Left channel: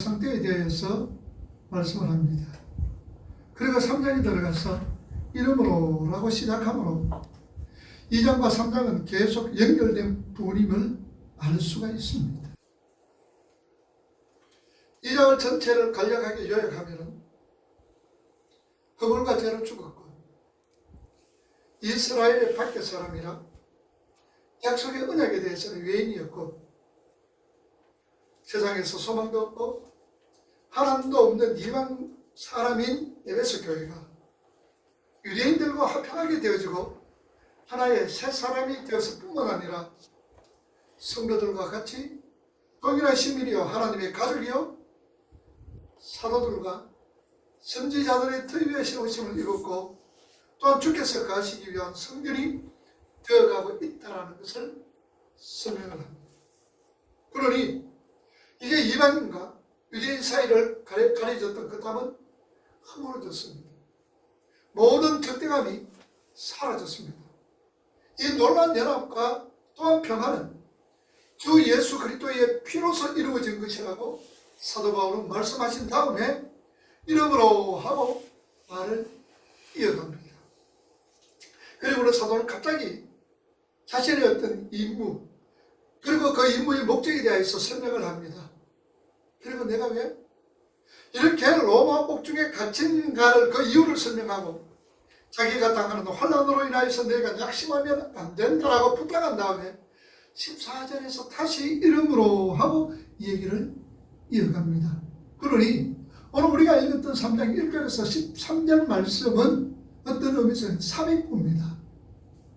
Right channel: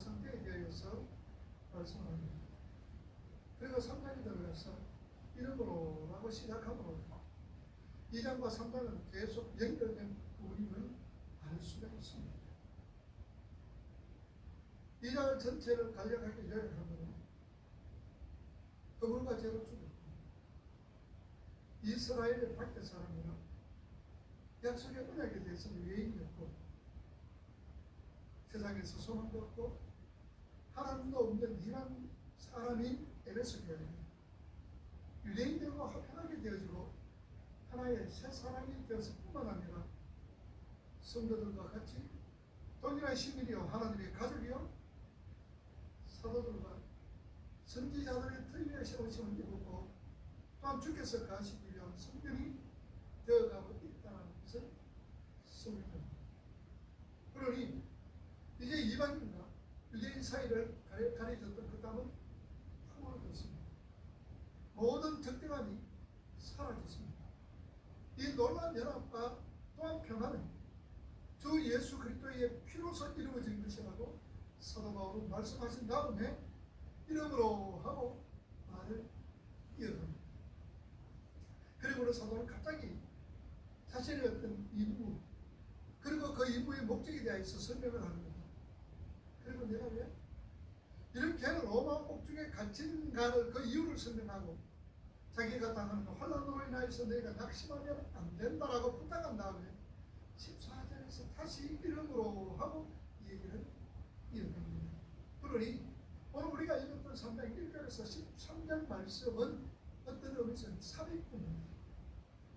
상태에 대해서 말씀을 합니다. 그리고 3장에 들어가서 이름으로 라고 시작하므로 2장과 3장은 계속 연결된 부분임을 알 수가 있습니다. 2장을 전체를 간략하게 요약하면 허물과 죄로 죽었고 이스라엘의 밖의 사람이라 약속의 언약에 대해서는 외인이었고 세상에서 소망도 없고 하나님도 없는 이방 사람인 에베소 교회가 유대인들과 화평하게 되어지고 하나의 새 사람이 되었을 뿐만 아니라 성도들과 같이 동일한 시민이요 하나님의 가족이요 사도들과 선지자들의 터 위에 세우심을 이뤘고 또한 주께서 가시기 위한 성전이 되어가고 있다는 것을 설명을 합니다. 그러니 이제 이방인과 유대인 사이를 가려졌던 그 담은 허물어졌습니다. 모든 적대감이 사라졌습니다. 이 놀라운 연합과 또한 평화는 주 예수 그리스도의 피로서 이루어진 것이라고 사도 바울은 말씀하신 다음에 이름으로 하고 말을 이어갑니다. 그리고 사도는 갑자기 자신의 어떤 임무 그리고 그 임무의 목적에 대해서 설명을 합니다. 그리고 내가 왜 이렇게 로마 옥중에 갇힌가를 그 이유를 설명하고 자기가 당하는 환난으로 인하여서 내가 낙심하면 안 된다라고 부탁한 다음에 14절에서 다시 이름으로 하고 얘기를 이어갑니다. 그러니 오늘 우리가 읽었던 3장 1절에서 13절 말씀은 어떤 의미에서 삽입입니다.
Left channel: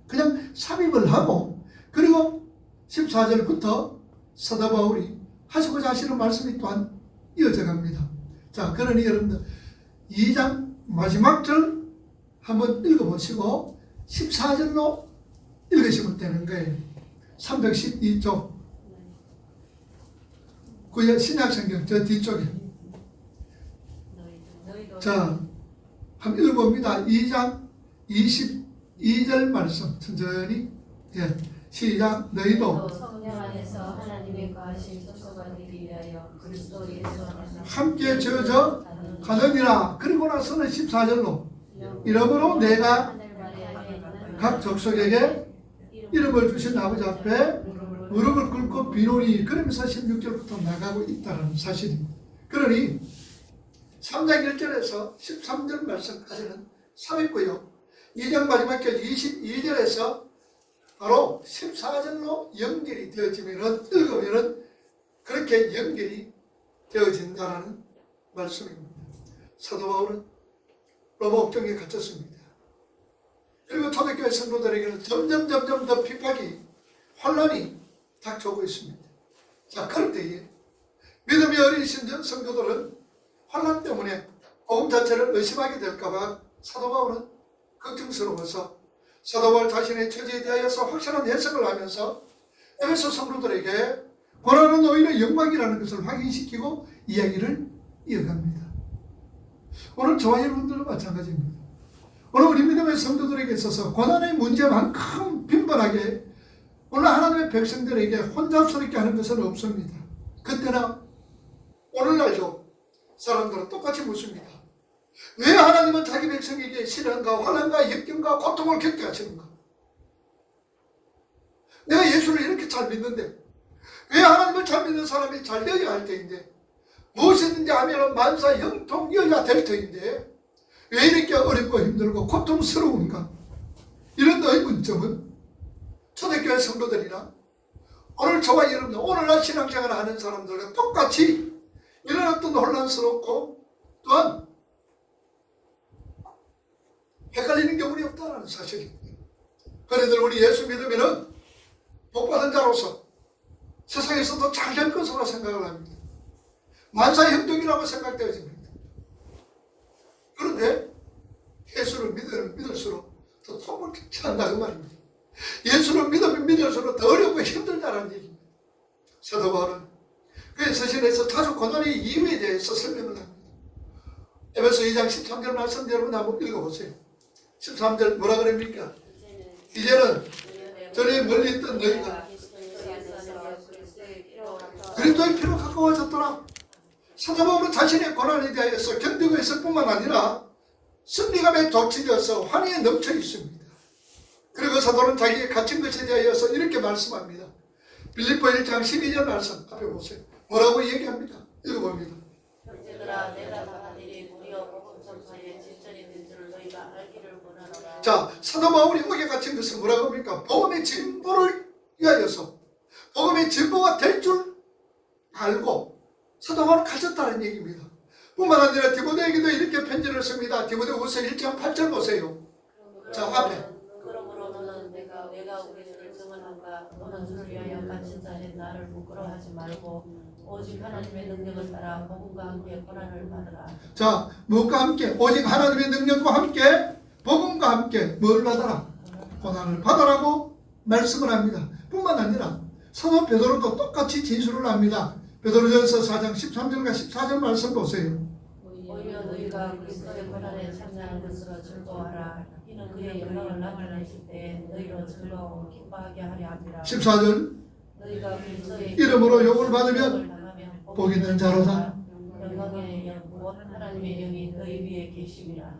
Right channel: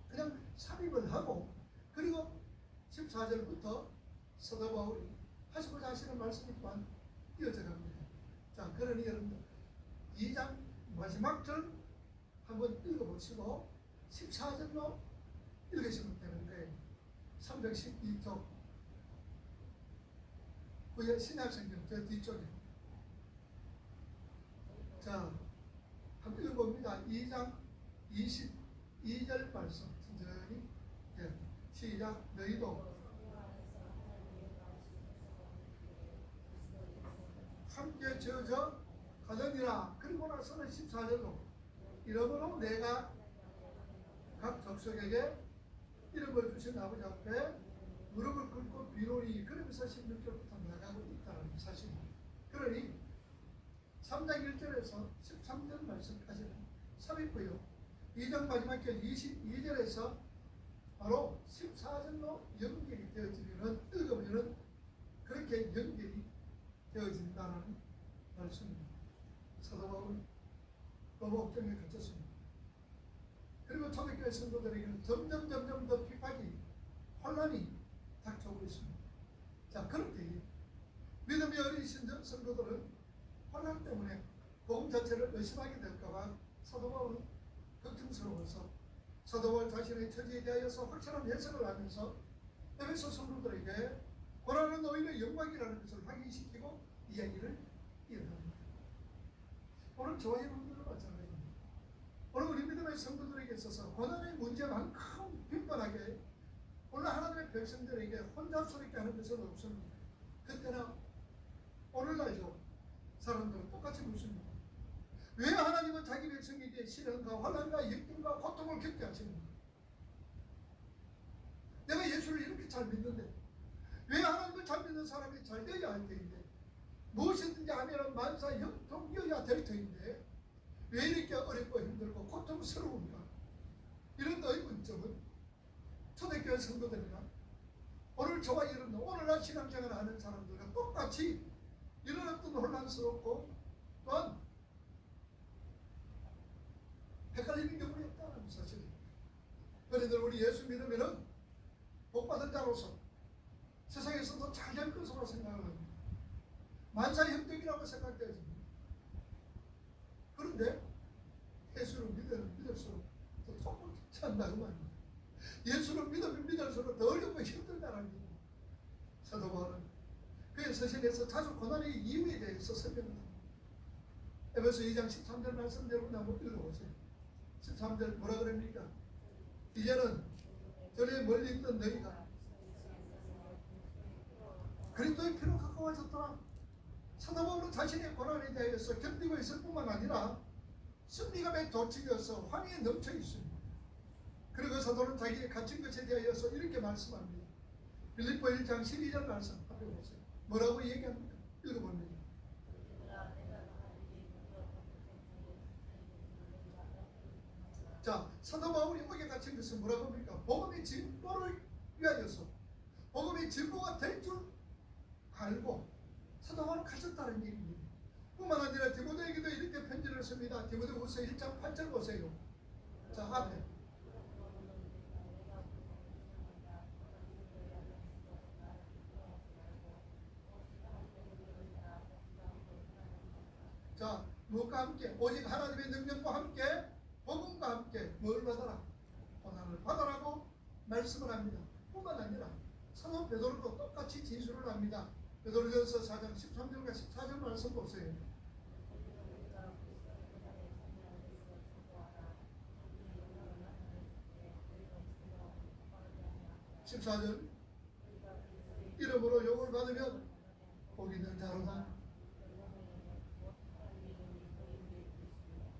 그냥 삽입을 하고 그리고 14절부터 사도 바울이 하시고자 하시는 말씀이 또한 이어져 갑니다. 자, 그러니 여러분들 2장 마지막 절 한번 읽어보시고 14절로 읽으시면 되는 거예요. 312쪽 구약 신약성경 저 뒤쪽에 자, 한번 읽어봅니다. 2장 22절 말씀 천천히 시작. 너희도 성령 안에서 하나님의 거하신 족속가 되기 위하여 그리스도 예수 안에서 함께 저어져 가느니라. 그리고 나서는 14절로 이러므로 내가 각 족속에게 이름을 주신 아버지 앞에 무릎을 꿇고 비노니 그러면서 16절부터 나가고 있다는 사실입니다. 그러니 3장 1절에서 13절 말씀까지는 삽입고요. 2장 마지막 절 22절에서 바로 14절로 연결이 되어지면은 읽으면은 그렇게 연결이 되어진다는 말씀입니다. 사도 바울은 로마 옥중에 갇혔습니다. 그리고 초대교회 성도들에게는 점점 더 핍박이 환난이 닥쳐오고 있습니다. 자, 그럴 때에 믿음이 어리신 성도들은 환난 때문에 복음 자체를 의심하게 될까봐 사도 바울은 걱정스러워서 사도 바울 자신의 처지에 대하여서 확실한 해석을 하면서 에베소 성도들에게 고난은 오히려 영광이라는 것을 확인시키고 이야기를 이어갑니다. 오늘 저와 여러분들도 마찬가지입니다. 오늘 우리 믿음의 성도들에게 있어서 고난의 문제만큼 빈번하게 오늘 하나님의 백성들에게 혼잡스럽게 하는 것은 없습니다. 그때나 오늘날도 사람들은 똑같이 묻습니다. 왜 하나님은 자기 백성에게 시련과 환난과 역경과 고통을 겪게 하시는가? 내가 예수를 이렇게 잘 믿는데 왜 하나님을 잘 믿는 사람이 잘 되어야 할 때인데 무엇이든지 하면 만사 형통이어야 될 터인데 왜 이렇게 어렵고 힘들고 고통스러운가? 이런 의문점은 초대교회 성도들이나 오늘 저와 여러분들 오늘날 신앙생활을 하는 사람들과 똑같이 이런 어떤 혼란스럽고 또한 헷갈리는 경우는 없다는 사실입니다. 그래도 우리 예수 믿으면 복받은 자로서 세상에서도 잘 될 것으로 생각을 합니다. 만사형통이라고 생각되어집니다. 그런데 예수를 믿을수록 더 통을 취한다 그 말입니다. 예수를 믿으면 믿을수록 더 어렵고 힘들다는 얘기입니다. 사도 바울은 그의 서신에서 자주 고난의 이유에 대해서 설명을 합니다. 에베소 2장 13절 말씀 여러분 한번 읽어보세요. 13절 뭐라 그럽니까? 이제는 전에 멀리 있던 너희가 그리스도의 피로 가까워졌더라. 사도 바울은 자신의 고난에 대하여서 견디고 있을 뿐만 아니라 승리감에 돋치려서 환희에 넘쳐 있습니다. 그리고 사도는 자기의 갇힌 것에 대하여서 이렇게 말씀합니다. 빌립보 1장 12절 말씀 앞에 보세요. 뭐라고 얘기합니다. 읽어봅니다. 형제들아 내가 당한 일이 우리와 복음 전파에 질전이 된 줄을 너희가 알기를 원하노라. 자, 사도 바울이 옥에 갇힌 것은 뭐라고 합니까? 복음의 진보를 위하여서 복음의 진보가 될 줄 알고 사도 바울은 갇혔다는 얘기입니다. 뿐만 아니라 디모데에게도 이렇게 편지를 씁니다. 디모데후서 1장 8절 보세요. 자, 앞에. 그러므로 너는 내가 우리 주를 증언한가 너는 주를 위하여 갇힌 자인 나를 부끄러워하지 말고 오직 하나님의 능력을 따라 복음과 함께 고난을 받으라. 자, 무엇과 함께? 오직 하나님의 능력과 함께 복음과 함께 뭘 받아라? 고난을 받아라고 말씀을 합니다. 뿐만 아니라 사도 베드로도 똑같이 진술을 합니다. 베드로전서 4장 13절과 14절 말씀 보세요. 오히려 너희가 그리스도의 고난에 참여하는 것으로 즐거워하라. 이는 그의 영광을 나타내실 때 너희로 즐거워 기뻐하게 하려 함이라. 14절 너희가 그리스도의 이름으로 욕을 받으면 당하면 복 있는 자로다. 영광의 영 곧 하나님의 영이 너희 위에 계심이라.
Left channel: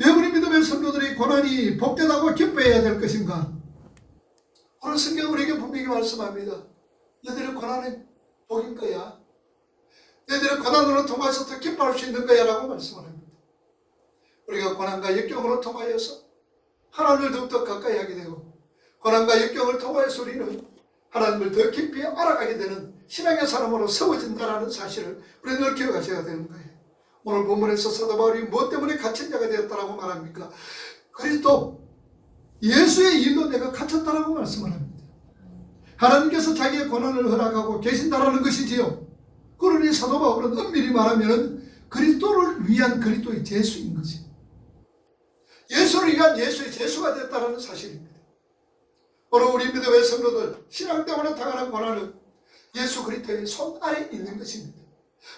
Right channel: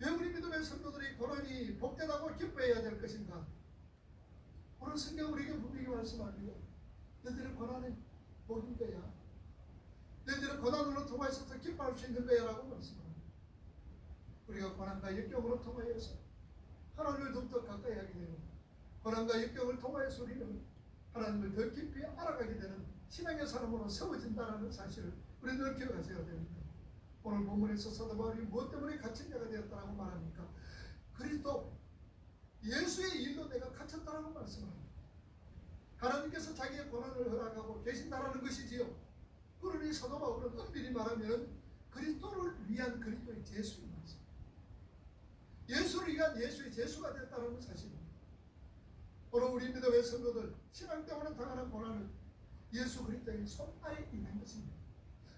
왜 우리 믿음의 성도들이 고난이 복되다고 기뻐해야 될 것인가? 오늘 성경 우리에게 분명히 말씀합니다. 너희들의 고난은 복인 거야. 너희들의 고난으로 통해서 더 기뻐할 수 있는 거야 라고 말씀을 합니다. 우리가 고난과 역경으로 통하여서 하나님을 더욱더 가까이 하게 되고 고난과 역경을 통하여서 우리는 하나님을 더 깊이 알아가게 되는 신앙의 사람으로 세워진다는 사실을 우리는 늘 기억하셔야 되는 거예요. 오늘 본문에서 사도 바울이 무엇 때문에 갇힌 자가 되었다라고 말합니까? 그리스도 예수의 일로 내가 갇혔다라고 말씀을 합니다. 하나님께서 자기의 고난을 허락하고 계신다라는 것이지요. 그러니 사도 바울은 엄밀히 말하면 그리스도를 위한 그리스도의 제수인 거지. 예수를 위한 예수의 제수가 됐다는 사실입니다. 오늘 우리 믿음의 성도들 신앙 때문에 당하는 고난은 예수 그리스도의 손 아래에 있는 것입니다.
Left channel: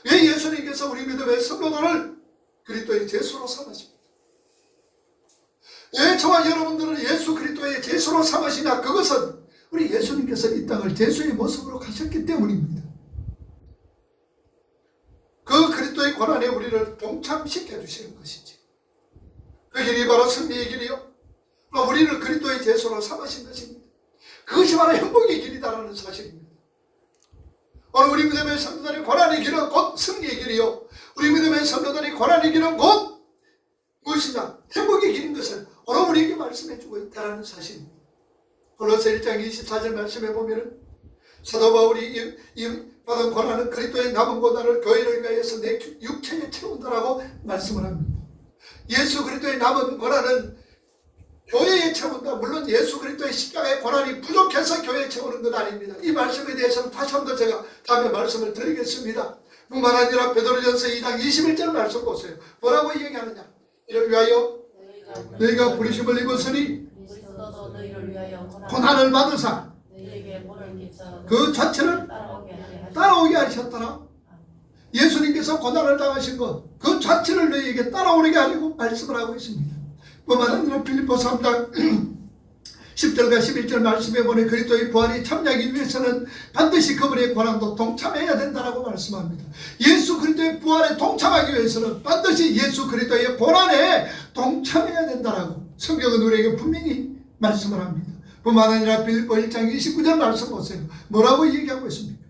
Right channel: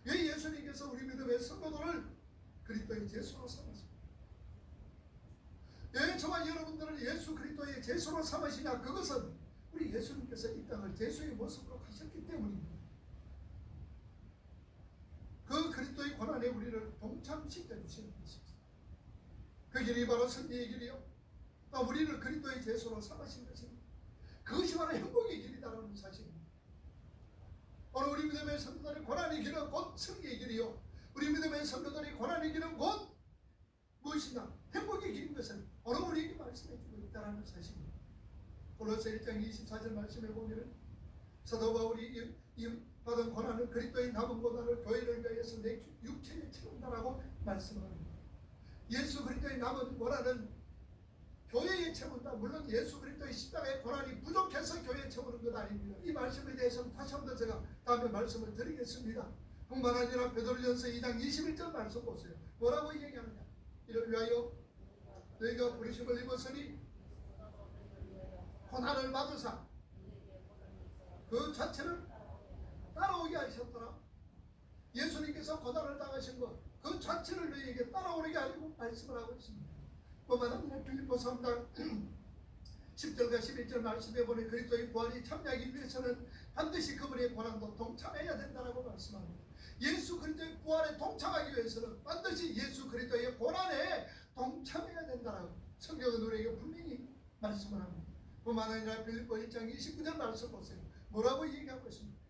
왜 예수님께서 우리 믿음의 성도들을 그리스도의 제수로 삼으십니다. 왜 저와 여러분들을 예수 그리스도의 제수로 삼으시냐? 그것은 우리 예수님께서 이 땅을 제수의 모습으로 가셨기 때문입니다. 그 그리스도의 고난에 우리를 동참시켜 주시는 것이지. 그 길이 바로 승리의 길이요. 우리를 그리스도의 제수로 삼으신 것입니다. 그것이 바로 행복의 길이다라는 사실입니다. 오늘 우리 믿음의 성도들이 고난의 길은 곧 승리의 길이요. 우리 믿음의 성도들이 고난의 길은 곧 무엇이냐? 행복의 길인 것을 오늘 우리에게 말씀해 주고 있다는 사실입니다. 골로새 1장 24절 말씀해 보면 사도 바울이 이 받은 고난은 그리스도의 남은 고난을 교회를 위하여서 내 육체에 채운다라고 말씀을 합니다. 예수 그리스도의 남은 고난은 교회에 채운다. 물론 예수 그리스도의 십자가의 고난이 부족해서 교회에 채우는 것 아닙니다. 이 말씀에 대해서는 다시 한번 제가 다음에 말씀을 드리겠습니다. 뿐만 아니라 베드로전서 2장 21절 말씀 보세요. 뭐라고 얘기하느냐? 이를 위하여 너희가 부르심을 입었으니 그리스도도 너희를 위하여 고난을 받으사 너희에게 본을 끼쳐 그 자체를 따라오게 하셨더라. 예수님께서 고난을 당하신 것 그 자체를 너희에게 따라오게 하려고 말씀을 하고 있습니다. 뿐만 아니라 빌립보 3장 10절과 11절 말씀에 보니 그리스도의 부활이 참여하기 위해서는 반드시 그분의 고난도 동참해야 된다고 말씀합니다. 예수 그리스도의 부활에 동참하기 위해서는 반드시 예수 그리스도의 고난에 동참해야 된다고 성경은 우리에게 분명히 말씀을 합니다. 뿐만 아니라 빌립보 1장 29절 말씀 보세요. 뭐라고 얘기하고 있습니까?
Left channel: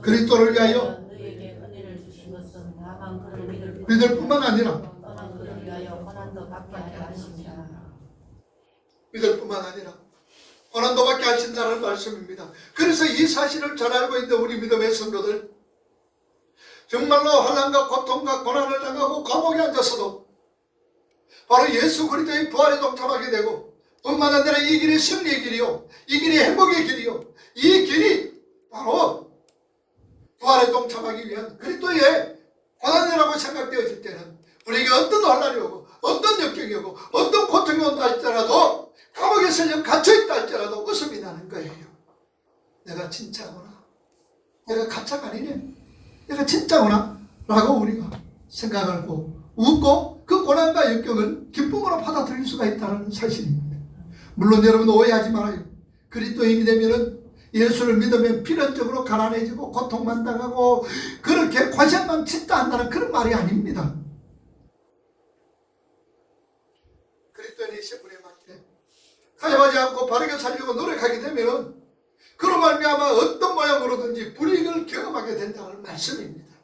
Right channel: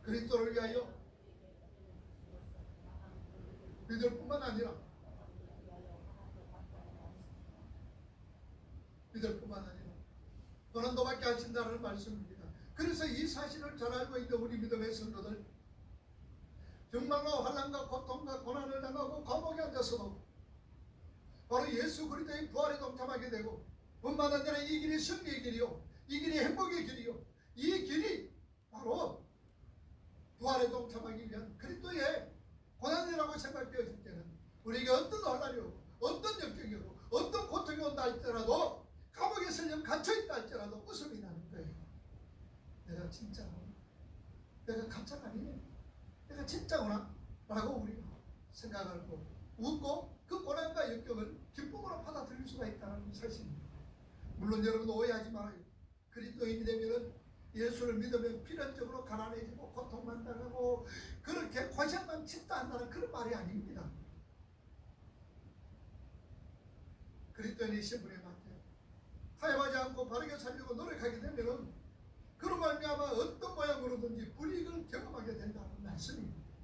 그리스도를 위하여 너희에게 은혜를 주신 것은 다만 그를 믿을 뿐만 아니라 떠난 그를 위하여 고난도 받게 하려 하십니다. 믿을 뿐만 아니라 고난도 받게 하신다는 말씀입니다. 그래서 이 사실을 잘 알고 있는 우리 믿음의 성도들 정말로 환난과 고통과 고난을 당하고 감옥에 앉아서도 바로 예수 그리스도의 부활에 동참하게 되고 뿐만 아니라 이 길이 승리의 길이요, 이 길이 행복의 길이요, 이 길이 바로 부활에 동참하기 위한 그리스도의 고난이라고 생각되어질 때는 우리에게 어떤 환난이 오고 어떤 역경이 오고 어떤 고통이 온다 할지라도 감옥에 설령 갇혀있다 할지라도 웃음이 나는 거예요. 내가 진짜구나, 내가 가짜가 아니네, 내가 진짜구나 라고 우리가 생각하고 웃고 그 고난과 역경을 기쁨으로 받아들일 수가 있다는 사실입니다. 물론 여러분 오해하지 말아요. 그리스도인이 되면은 예수를 믿으면 필연적으로 가난해지고 고통만 당하고 그렇게 고생만 짓다 한다는 그런 말이 아닙니다. 그리스도인의 신분에 맞게 가입하지 않고 바르게 살려고 노력하게 되면 그로 말미암아 어떤 모양으로든지 불이익을 경험하게 된다는 말씀입니다.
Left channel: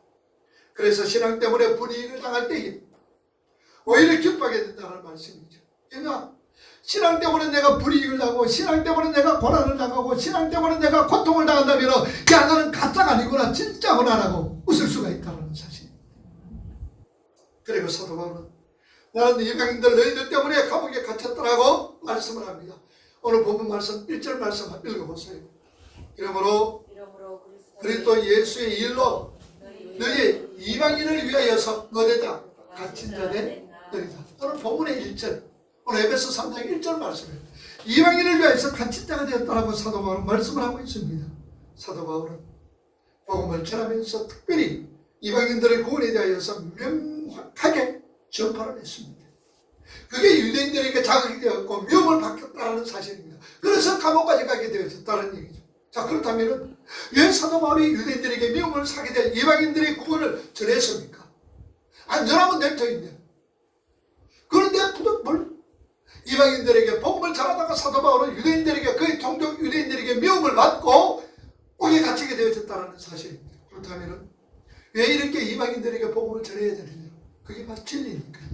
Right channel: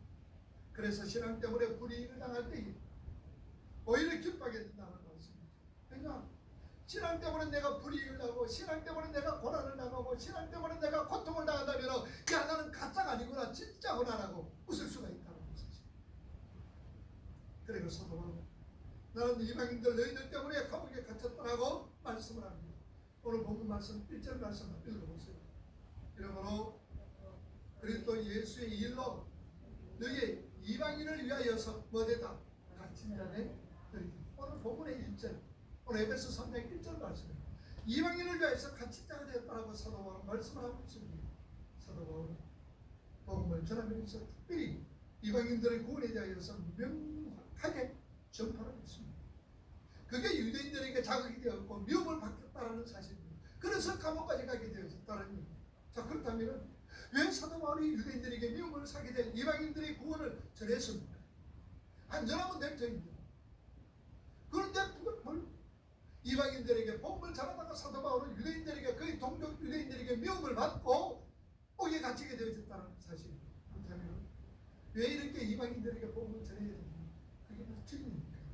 그래서 신앙 때문에 불이익을 당할 때에 오히려 기뻐하게 된다는 말씀이죠. 그러니까 신앙 때문에 내가 불이익을 당하고 신앙 때문에 내가 고난을 당하고 신앙 때문에 내가 고통을 당한다면 야 나는 가짜가 아니구나 진짜구나라고 웃을 수가 있다는 사실입니다. 그리고 사도 바울은 나는 이방인들 너희들 때문에 감옥에 갇혔더라고 말씀을 합니다. 오늘 본문 말씀 1절 말씀 읽어보세요. 이러므로 그리스도 예수의 일로 너희 이방인을 위하여서 어디다 갇힌 자된 너희다. 오늘 본문의 1절 오늘 에베소 3장 1절 말씀이에요. 이방인을 위하여서 갇힌 자가 되었다라고 사도 바울은 말씀을 하고 있습니다. 사도 바울은 복음을 전하면서 특별히 이방인들의 구원에 대하여서 명확하게 전파를 했습니다. 그게 유대인들에게 자극이 되었고 미움을 받겠다는 사실입니다. 그래서 감옥까지 가게 되어졌다는 얘기죠. 자, 그렇다면 왜 사도 바울이 유대인들에게 미움을 사게 될 이방인들의 구원을 전했습니까? 안전하면 냅둬있네. 그런데 부득불 이방인들에게 복음을 전하다가 사도 바울은 유대인들에게 그의 동족 유대인들에게 미움을 받고 옥에 갇히게 되어졌다는 사실입니다. 그렇다면 왜 이렇게 이방인들에게 복음을 전해야 되느냐? 그게 바로 진리니까요.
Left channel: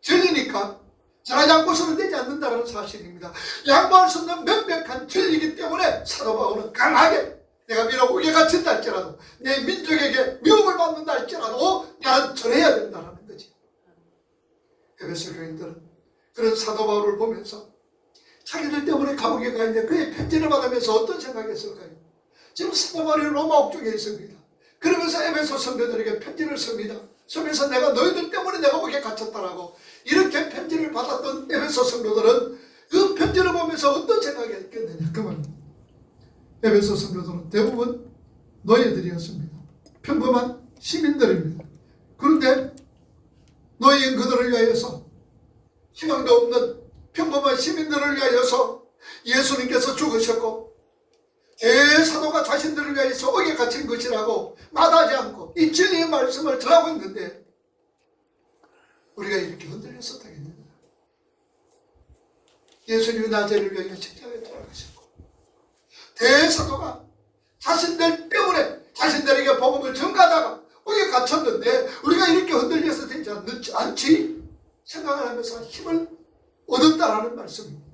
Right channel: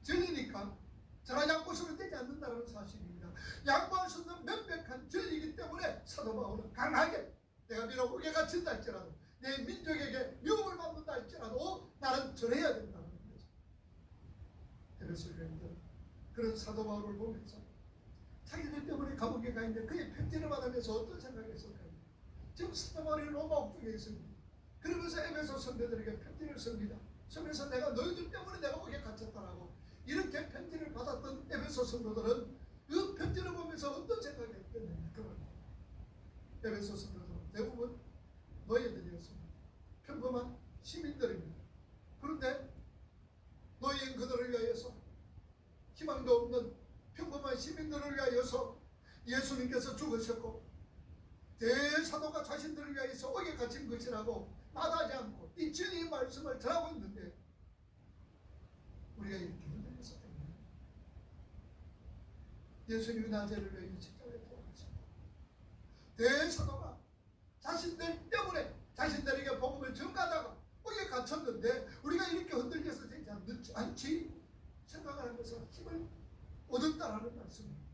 진리니까 전하지 않고서는 되지 않는다는 사실입니다. 양보할 수 없는 명백한 진리이기 때문에 사도 바울은 강하게 내가 비록 옥에 갇힌다 할지라도 내 민족에게 미움을 받는다 할지라도 나는 전해야 된다는 거지. 에베소 교인들은 그런 사도 바울을 보면서 자기들 때문에 감옥에 가 있는데 그의 편지를 받으면서 어떤 생각했을까요? 지금 사도 바울이 로마 옥중에 있습니다. 그러면서 에베소 성도들에게 편지를 씁니다. 쓰면서 내가 너희들 때문에 내가 옥에 갇혔다라고 이렇게 편지를 받았던 에베소 성도들은 그 편지를 보면서 어떤 생각이 했겠느냐 그 말입니다. 에베소 성도들은 대부분 노예들이었습니다. 평범한 시민들입니다. 그런데 노예인 그들을 위하여서 희망도 없는 평범한 시민들을 위하여서 예수님께서 죽으셨고 대사도가 자신들을 위하여서 옥에 갇힌 것이라고 마다하지 않고 이 진리의 말씀을 전하고 있는데 우리가 이렇게 흔들려서 되겠느냐. 예수님이 나제를 위하여 십자가에 돌아가셨고 대사도가 자신들 때문에 자신들에게 복음을 전가하다가 옥에 갇혔는데 우리가 이렇게 흔들려서 되지 않지 생각을 하면서 힘을 얻었다라는 말씀입니다.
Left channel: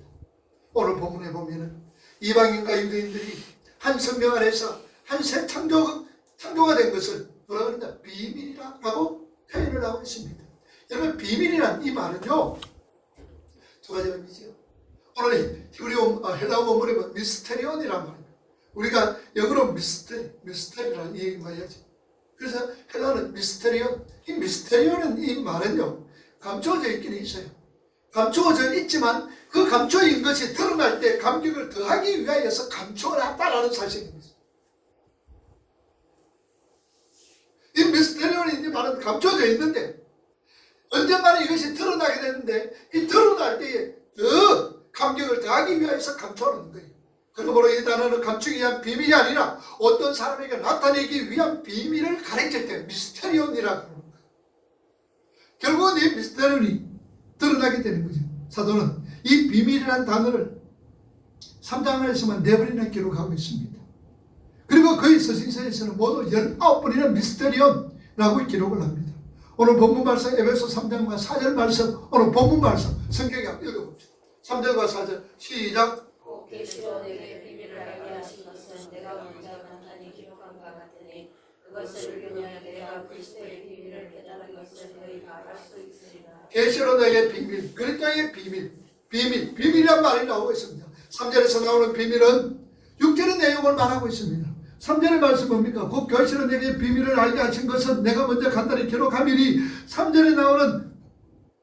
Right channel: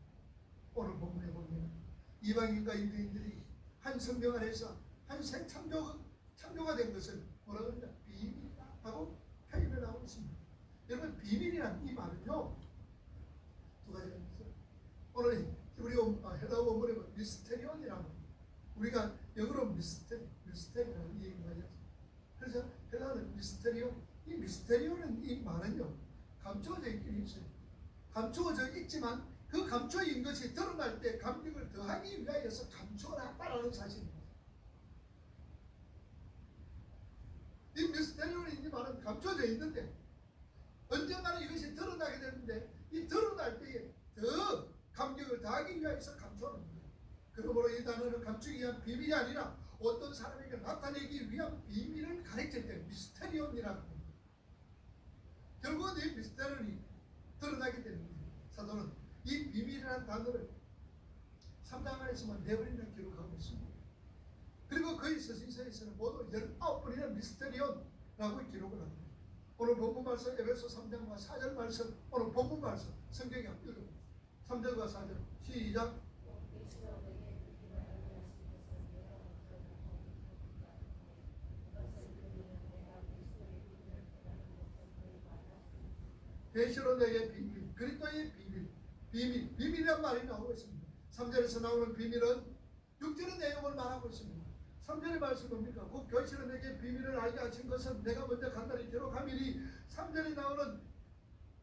오늘 본문에 보면은 이방인과 유대인들이 한 성경 안에서 한 새 창조가 된 것을 뭐라 그러냐 비밀이라고 표현을 하고 있습니다. 여러분 비밀이란 이 말은요 두 가지 의미죠. 오늘 히브리어 헬라어 원문에 보면 미스테리온이란 말입니다. 우리가 영어로 미스테리라는 얘기 많이 하죠. 그래서 헬라어는 미스테리온. 이 미스테리온은 이 말은요 감추어져 있기는 있어요. 감추어져 있지만 그 감추어진 것이 드러날 때 감격을 더하기 위하여서 감추어놨다라는 사실입니다. 이 미스테리온이 이 말은 감추어져 있는데 언젠가는 이것이 드러나게 되는데 이 드러날 때에 더 감격을 더하기 위해서 감춰놓는 거예요. 그러므로 이 단어는 감추기 위한 비밀이 아니라 어떤 사람에게 나타내기 위한 비밀을 가르칠 때 미스테리온이라고 합니다. 결국은 이 미스테리온이 드러나게 되는 거죠. 사도는 이 비밀이라는 단어를 3장 안에서만 4번이나 기록하고 있습니다. 그리고 그의 서신서에서는 모두 19번이나 미스테리온이라고 기록을 합니다. 오늘 본문 말씀 에베소 3장과 4절 말씀 오늘 본문 말씀 성경에 한번 읽어봅시다. 3절과 4절 시작. 꼭 계시로 내게 비밀을 알게 하신 것은 내가 먼저 간단히 기록한 바 같으니 그것을 읽으면 내가 그리스도의 비밀을 깨달은 것을 너희가 알 수 있으리라. 계시로 내게 비밀, 그리스도의 비밀이란 말이 나오고 있습니다. 3절에서 나오는 비밀은 6절의 내용을 말하고 있습니다. 3절의 말씀 뭡니까? 곧 계시로 내게 비밀을 알게 하신 것은 내가 먼저 간단히 기록함이니 3절에 나오는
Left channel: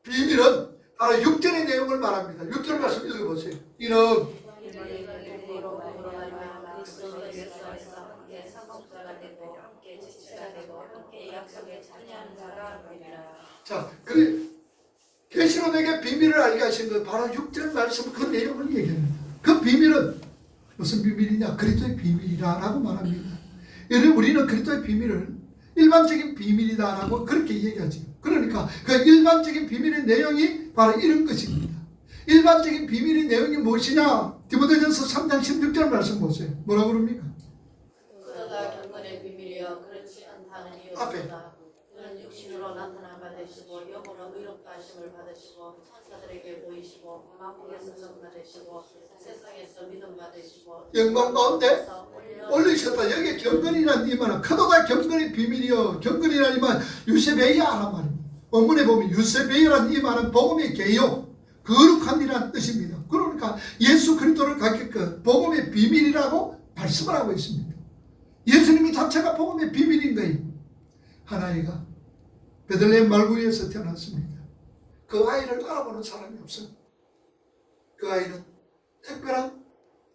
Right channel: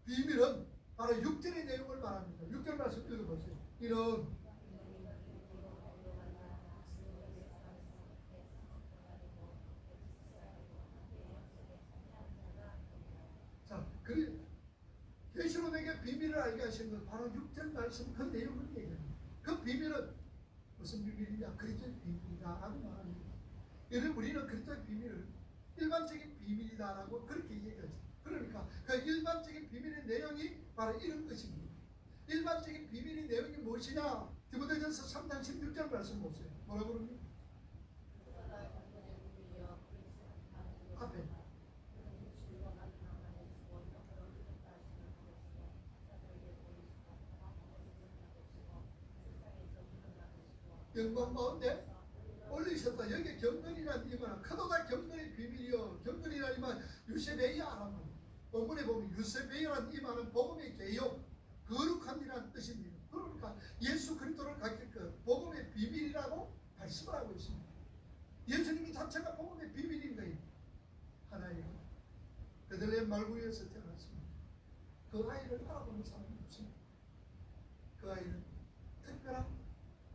비밀은 바로 6절의 내용을 말합니다. 6절 말씀 읽어보세요. 이는 자, 그래 계시로 내게 비밀을 알게 하신 것 바로 6절 말씀 그 내용을 얘기합니다. 그 비밀은 무슨 비밀이냐? 그리스도의 비밀이라고 말합니다. 여러분, 우리는 그리스도의 비밀을 일반적인 비밀이다라고 그렇게 얘기하지. 그러니까 그 일반적인 비밀의 내용이 바로 이런 것입니다. 일반적인 비밀의 내용이 무엇이냐? 디모데전서 3장 16절 말씀 보세요. 뭐라고 그럽니까? 그러다 경건의 비밀이여 그렇지 않다는 이유보다 그는 육신으로 나타난 바 되시고 영으로 의롭다 하심을 받으시고 천사들에게 보이시고 만국에서 전파되시고 세상에서 믿음 받으시고 영광 가운데 올리셨다. 여기 경건이라는 이 말은 크도다 경건의 비밀이요. 경건이라는 이 말은 유세베이아란 말입니다. 원문에 보면 유세베이아라는 이 말은 복음의 개요. 거룩함이라는 뜻입니다. 그러니까 예수 그리스도를 갖게끔 복음의 비밀이라고 말씀을 하고 있습니다. 예수님이 자체가 복음의 비밀인 거예요. 한 아이가 베들레헴 말구에서 태어났습니다. 그 아이를 알아보는 사람이 없습니다. 그 아이는 특별한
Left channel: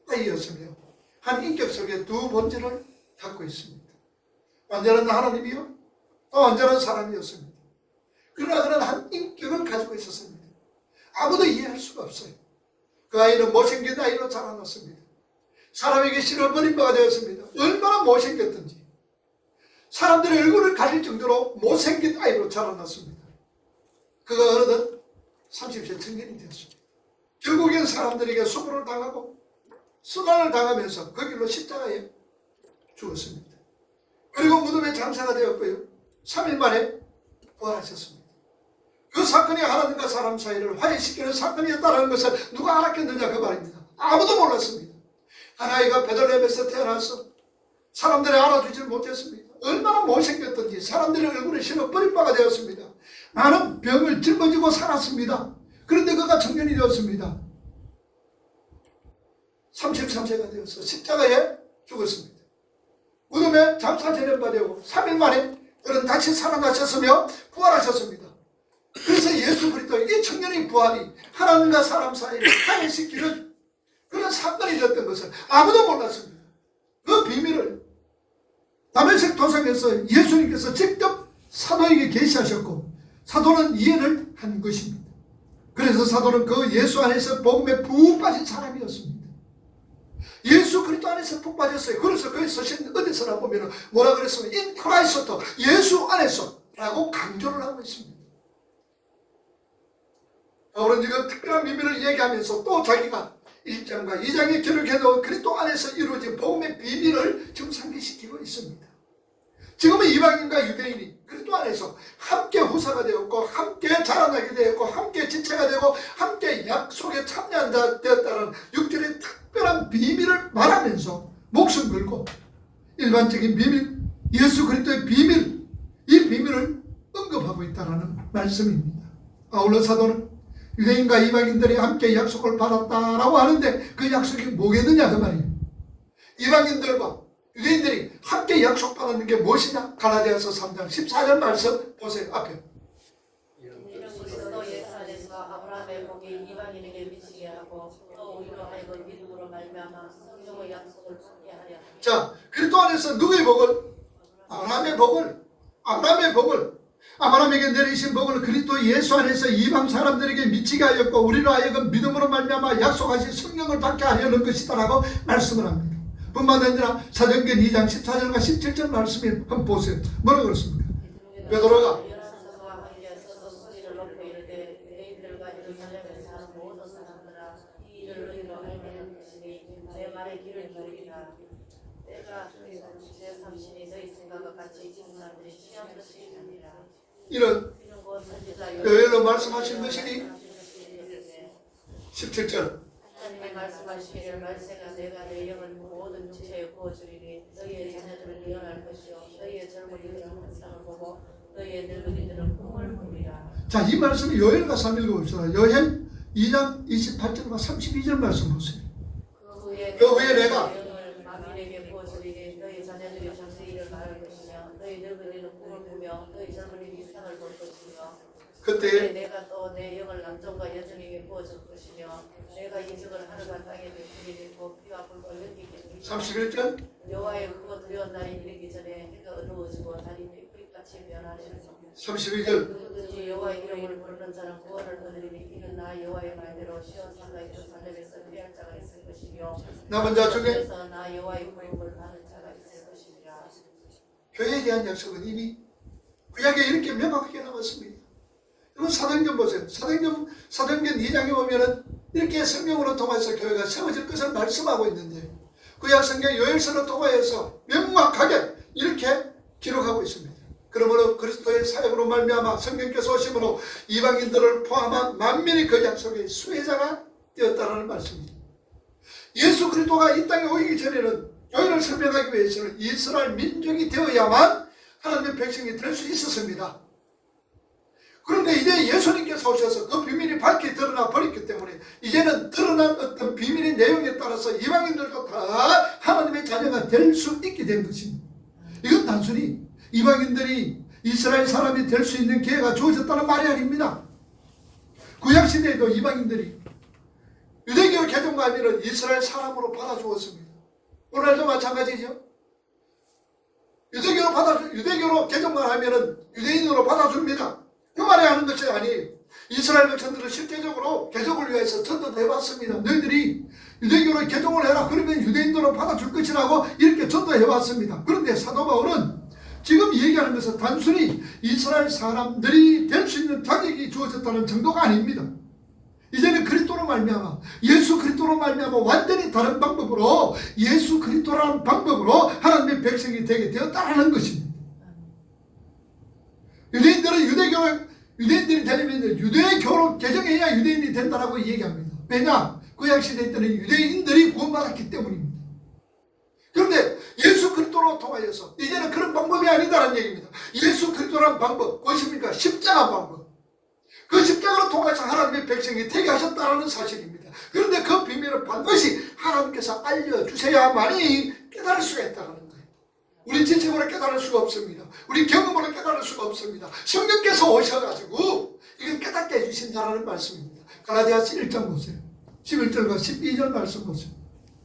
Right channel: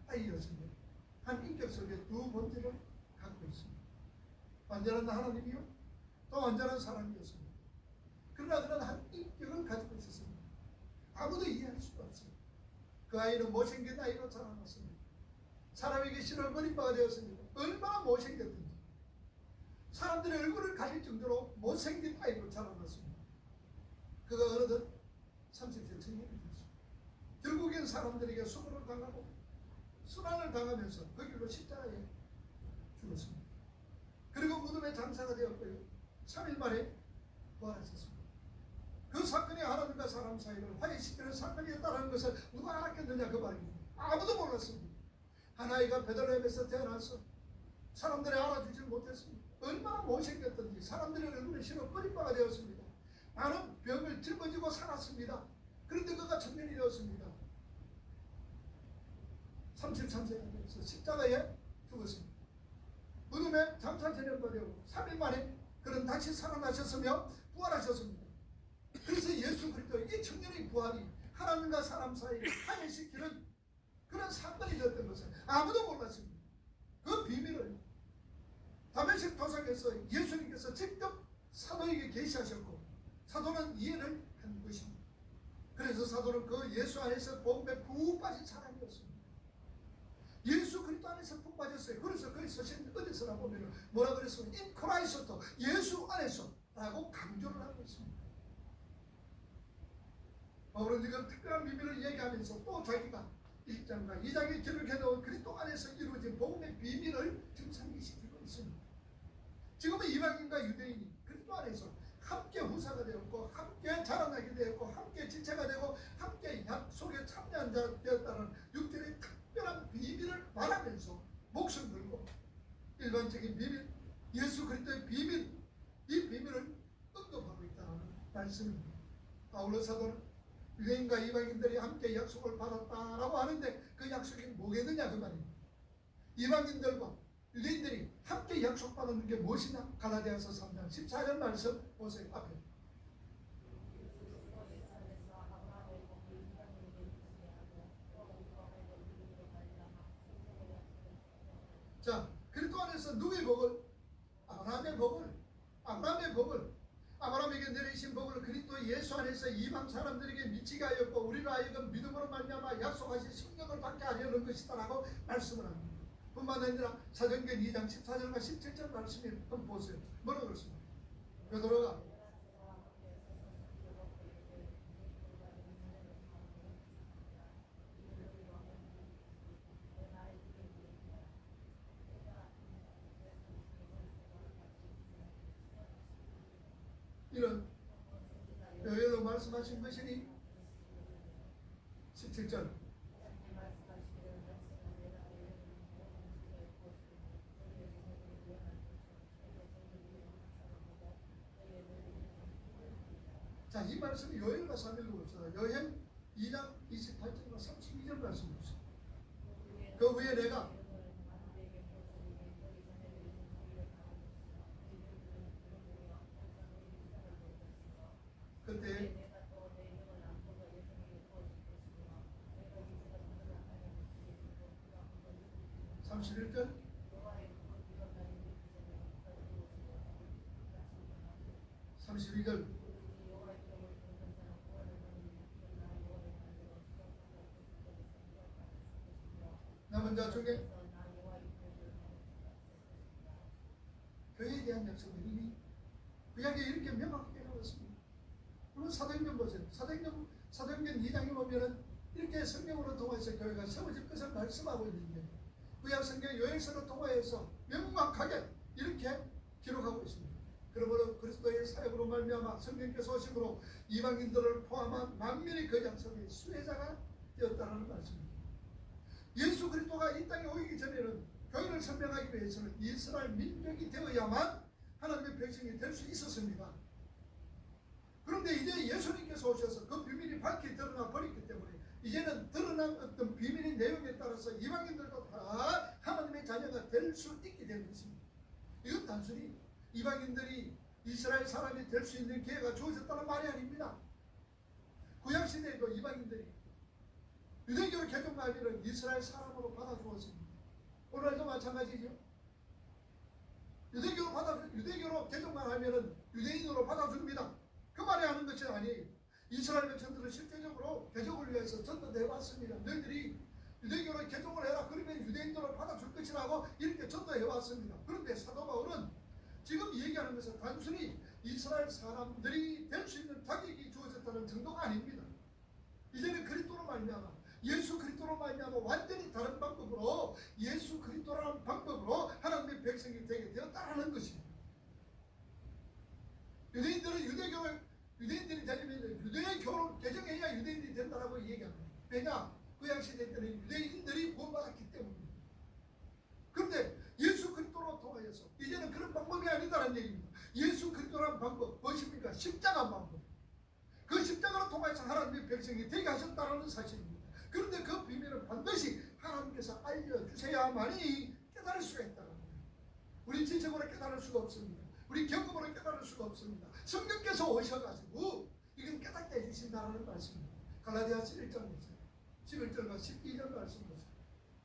아이였으며 한 인격 속에 두 본질을 갖고 있습니다. 완전한 하나님이요, 또 완전한 사람이었습니다. 그러나 그는 한 인격을 가지고 있었습니다. 아무도 이해할 수가 없어요. 그 아이는 못생긴 아이로 자라났습니다. 사람에게 실어버린 바가 되었습니다. 얼마나 못생겼든지 사람들의 얼굴을 가릴 정도로 못생긴 아이로 자라났습니다. 그가 어느덧 30세 청년이 되었습니다. 결국엔 사람들에게 수고를 당하고 수간을 당하면서 그 길로 십자가에 죽었습니다. 그리고 무덤에 장사가 되었고요. 3일 만에 부활하셨습니다. 그 사건이 하나님과 사람 사이를 화해시키는 사건이었다는 것을 누가 알았겠느냐 그 말입니다. 아무도 몰랐습니다. 한 아이가 베들레헴에서 태어나서 사람들이 알아주지 못했습니다. 얼마나 못생겼던지 사람들의 얼굴에 실어버린 바가 되었습니다. 많은 병을 짊어지고 살았습니다. 그런데 그가 청년이 되었습니다. 33세가 되어서 십자가에 죽었습니다. 무덤에 장사 제련받고 3일 만에 그는 다시 살아나셨으며 부활하셨습니다. 그래서 예수 그리스도 이 청년의 부활이 하나님과 사람 사이를 화해시키는 그런 사건이 됐던 것을 아무도 몰랐습니다. 그 비밀을 다메섹 도상에서 예수님께서 직접 사도에게 계시하셨고 사도는 이해를 한 것입니다. 그래서 사도는 그 예수 안에서 복음에 푹 빠진 사람이었습니다. 예수 그리스도 안에서 푹 빠졌어요. 그래서 거기 서신 어디서나 보면 뭐라 그랬으면 in Christ, 예수 안에서 라고 강조를 하고 있습니다. 바울은 지금 특별한 비밀을 얘기하면서 또 자기가 1장과 2장에 기록해놓은 그리스도 안에서 이루어진 복음의 비밀을 지금 상기시키고 있습니다. 지금은 이방인과 유대인이 그리스도 안에서 함께 후사가 되었고 함께 자라나게 되었고 함께 지체가 되고 함께 약속에 참여한 자 되었다는 6절의 특별한 비밀을 말하면서 목숨 걸고 일반적인 비밀, 예수 그리스도의 비밀, 이 비밀을 언급하고 있다는 말씀입니다. 아울러 사도는 유대인과 이방인들이 함께 약속을 받았다라고 하는데 그 약속이 뭐겠느냐 그 말이에요. 이방인들과 유대인들이 함께 약속받는 게 무엇이냐? 갈라디아서 3장 14절 말씀 보세요. 앞에. 이는 그리스도 예수 안에서 아브라함의 복이 이방인에게 미치게 하고 또 우리로 하여금 믿음으로 말미암아 성령의 약속을 받게 하려 함이라. 자, 그리스도 안에서 누구의 복을? 아브라함의 복을 아브라함에게 내리신 복을 그리스도 예수 안에서 이방 사람들에게 미치게 하였고 우리로 하여금 믿음으로 말미암아 약속하신 성령을 받게 하려는 것이다라고 말씀을 합니다. 뿐만 아니라 사도행전 2장 14절과 17절 말씀을 한번 보세요. 뭐라고 그렇습니까? 베드로가 이런 여기로 말씀하신 것이니 17절 하나님의 말씀하시기를 말세가 내가 내 영을 모든 지체에 부어주리니 너희의 자녀들은 일어날 것이요 너희의 젊은이들은 환상을 보고 너희의 늙은이들은 꿈을 꾸리라. 자, 이 말씀을 요엘과 3 읽어봅시다. 요엘 2장 28절과 32절 말씀 보세요. 그 후에 내가 영을 만민에게 부어주리니 너희 자녀들이 장세일을 말할 것이며 너희 늙은이는 꿈을 꾸며 너희 젊은이는 이상을 볼 것이며 그때 내가 또 내 영을 남종과 여종에게 부어줄 것이며 내가 이적을 하늘과 땅에 베풀리니 곧 피와 불과 연기겠니. 31절 여호와의 크고 두려운 날이 이르기 전에 해가 어두워지고 달이 핏빛같이 변하리라. 32절 누구든지 여호와 여호와의 이름을 부르는 자는 구원을 얻으리니 이는 나 여호와의 말대로 시온 산과의 두 산맥에서 피할 자가 있을 것이며 남은 자 중에 그래서 나 여호와의 부름을 받는 자가 있을 것이니라. 교회에 대한 약속은 이미 구약에 이렇게 명확하게 나왔습니다. 여러분 사도행전 보세요. 사도행전 2장에 보면은 이렇게 성경으로 통해서 교회가 세워질 것을 말씀하고 있는데 구약 성경 요엘서를 통하여서 명확하게 이렇게 기록하고 있습니다. 그러므로 그리스도의 사역으로 말미암아 성령께서 오심으로 이방인들을 포함한 만민이 그 약속의 수혜자가 되었다는 말씀입니다. 예수 그리스도가 이 땅에 오기 전에는 교회를 설명하기 위해서는 이스라엘 민족이 되어야만 하나님의 백성이 될 수 있었습니다. 그런데 이제 예수님께서 오셔서 그 비밀이 밝게 드러나 버렸기 때문에 이제는 드러난 어떤 비밀의 내용에 따라서 이방인들도 다 하나님의 자녀가 될 수 있게 된 것입니다. 이건 단순히 이방인들이 이스라엘 사람이 될 수 있는 기회가 주어졌다는 말이 아닙니다. 구약시대에도 이방인들이 유대교 개종하면 이스라엘 사람으로 받아주었습니다. 오늘도 마찬가지죠. 유대교로 개종만 하면 유대인으로 받아줍니다. 그 말이 하는 것이 아니에요. 이스라엘 백성들은 실제적으로 개종을 위해서 전도도 해봤습니다. 너희들이 유대교로 개종을 해라. 그러면 유대인으로 받아줄 것이라고 이렇게 전도해왔습니다. 그런데 사도 바울은 지금 얘기하는 것은 단순히 이스라엘 사람들이 될 수 있는 자격이 주어졌다는 정도가 아닙니다. 이제는 그리스도로 말미암아 예수 그리스도로 말미암아 완전히 다른 방법으로 예수 그리스도라는 방법으로 하나님의 백성이 되게 되었다는 것입니다. 유대인들은 유대인들이 되려면 유대교로 개정해야 유대인이 된다라고 얘기합니다. 왜냐? 구약시대 때는 유대인들이 구원받았기 때문입니다. 그런데 예수 그리스도로 통하여서 이제는 그런 방법이 아니다라는 얘기입니다. 예수 그리스도라는 방법 무엇입니까? 십자가 방법. 그 십자가로 통해서 하나님의 백성이 되게 하셨다는 사실입니다. 그런데 그 비밀을 반드시 하나님께서 알려주셔야만이 깨달을 수가 있다는 거예요. 우리 지식으로 깨달을 수가 없습니다. 우리 경험으로 깨달을 수가 없습니다. 성령께서 오셔가지고 이걸 깨닫게 해주신다는 말씀입니다. 갈라디아서 1장 보세요. 11절과 12절 말씀 보세요.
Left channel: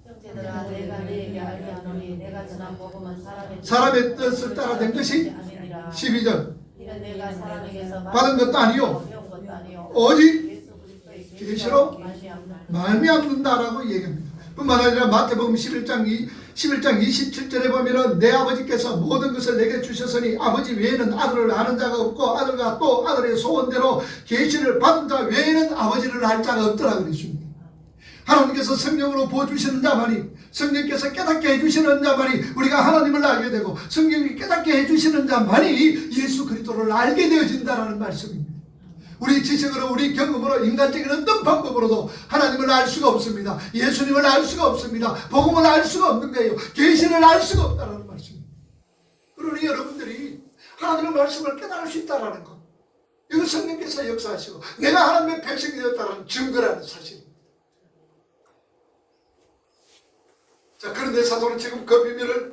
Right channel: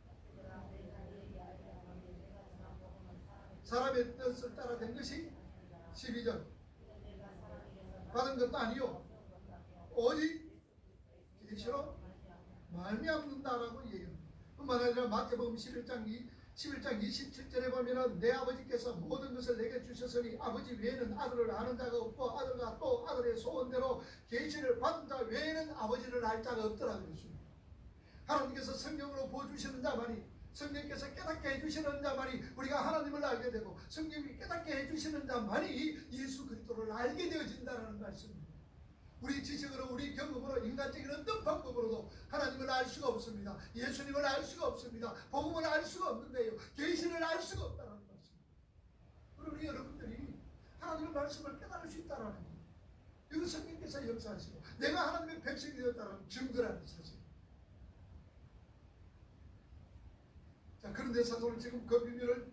형제들아 내가 너에게 알게 하노니 내가 전한 복음은 사람의 뜻을 따라 된 것이 12절 이는 내가 사람에게서 받은 것도 아니요 오직 계시로 말미암는다라고 얘기합니다. 뿐만 아니라 마태복음 11장 27절에 보면은 내 아버지께서 모든 것을 내게 주셨으니 아버지 외에는 아들을 아는 자가 없고 아들과 또 아들의 소원대로 계시를 받은 자 외에는 아버지를 알 자가 없더라 그랬습니다. 하나님께서 성령으로 부어주시는 자만이 성령께서 깨닫게 해주시는 자만이 우리가 하나님을 알게 되고 성령이 깨닫게 해주시는 자만이 예수 그리스도를 알게 되어진다는 말씀입니다. 우리 지식으로 우리 경험으로 인간적인 어떤 방법으로도 하나님을 알 수가 없습니다. 예수님을 알 수가 없습니다. 복음을 알 수가 없는 거예요. 계시를 알 수가 없다는 말씀입니다. 그러니 여러분들이 하나님의 말씀을 깨달을 수 있다는 것, 이거 성령께서 역사하시고 내가 하나님의 백성이 되었다는 증거라는 사실입니다. 자, 그런데 사도는 지금 그 비밀을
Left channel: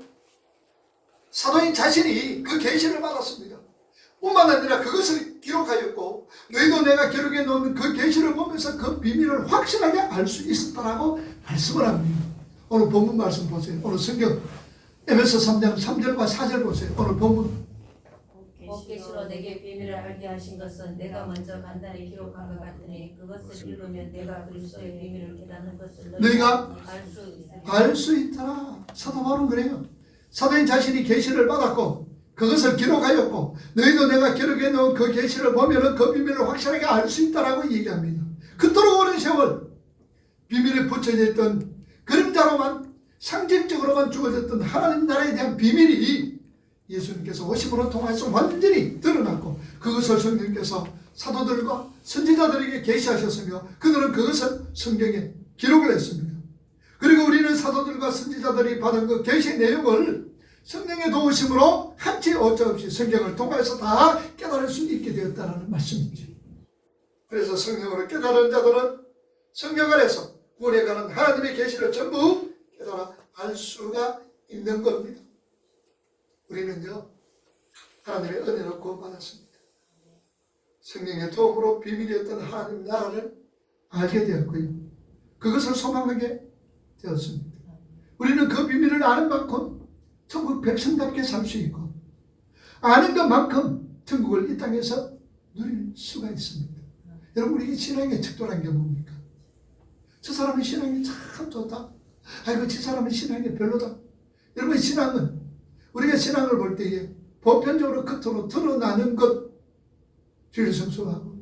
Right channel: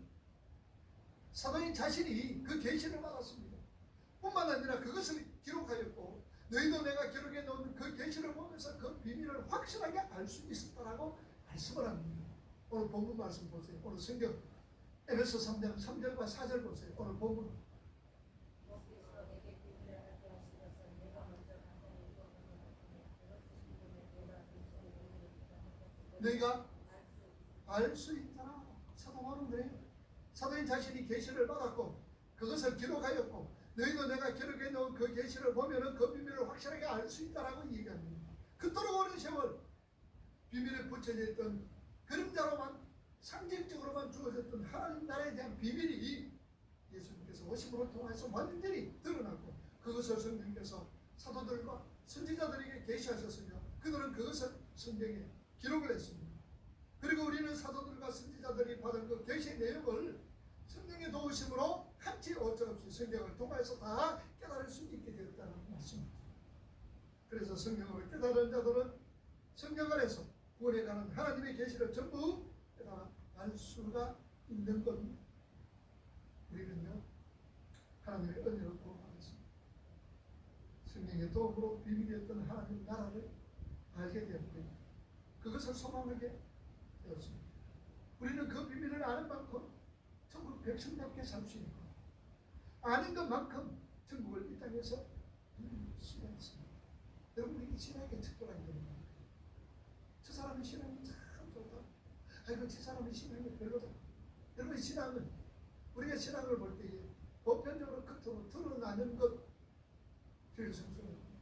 사도인 자신이 그 계시를 받았습니다. 뿐만 아니라 그것을 기록하였고 너희도 내가 기록해 놓은 그 계시를 보면서 그 비밀을 확실하게 알 수 있었다라고 말씀을 합니다. 오늘 본문 말씀 보세요. 오늘 성경 에베소 3장 3절과 4절 보세요. 오늘 본문 계시로 내게 비밀을 알게 하신 것은 내가 먼저 간단히 기록한 것 같으니 그것을 읽으면 내가 그리스도의 비밀을 깨닫는 것을 너희가 알 수 있더라. 사도 바울은 그래요. 사도인 자신이 계시를 받았고 그것을 기록하였고 너희도 내가 기록해 놓은 그 계시를 보면은 그 비밀을 확실하게 알 수 있다라고 얘기합니다. 그토록 오랜 세월 비밀에 붙여져 있던 그림자로만 상징적으로만 주어졌던 하나님 나라에 대한 비밀이 예수님께서 오심으로 통해서 완전히 드러났고 그것을 성령께서 사도들과 선지자들에게 계시하셨으며 그들은 그것을 성경에 기록을 했습니다. 그리고 우리는 사도들과 선지자들이 받은 그 계시 내용을 성령의 도우심으로 한치 오차 없이 성경을 통해서 다 깨달을 수 있게 되었다는 말씀이죠. 그래서 성령으로 깨달은 자들은 성령 안에서 구원해가는 하나님의 계시를 전부 깨달아 알 수가 있는 겁니다. 우리는요 하나님의 은혜로 구원받았습니다. 성령의 도움으로 비밀이었던 하나님 나라를 알게 되었고요. 그것을 소망하게 되었습니다. 우리는 그 비밀을 아는 만큼 천국 백성답게 살 수 있고 아는 것만큼 천국을 이 땅에서 누립니다. 수가 있습니다. 여러분, 우리 신앙의 적절한 게 뭡니까? 저 사람의 신앙이 참 좋다. 아이고, 저 사람의 신앙이 별로다. 여러분, 신앙은 우리가 신앙을 볼 때에 보편적으로 겉으로 드러나는 것, 주일 성수하고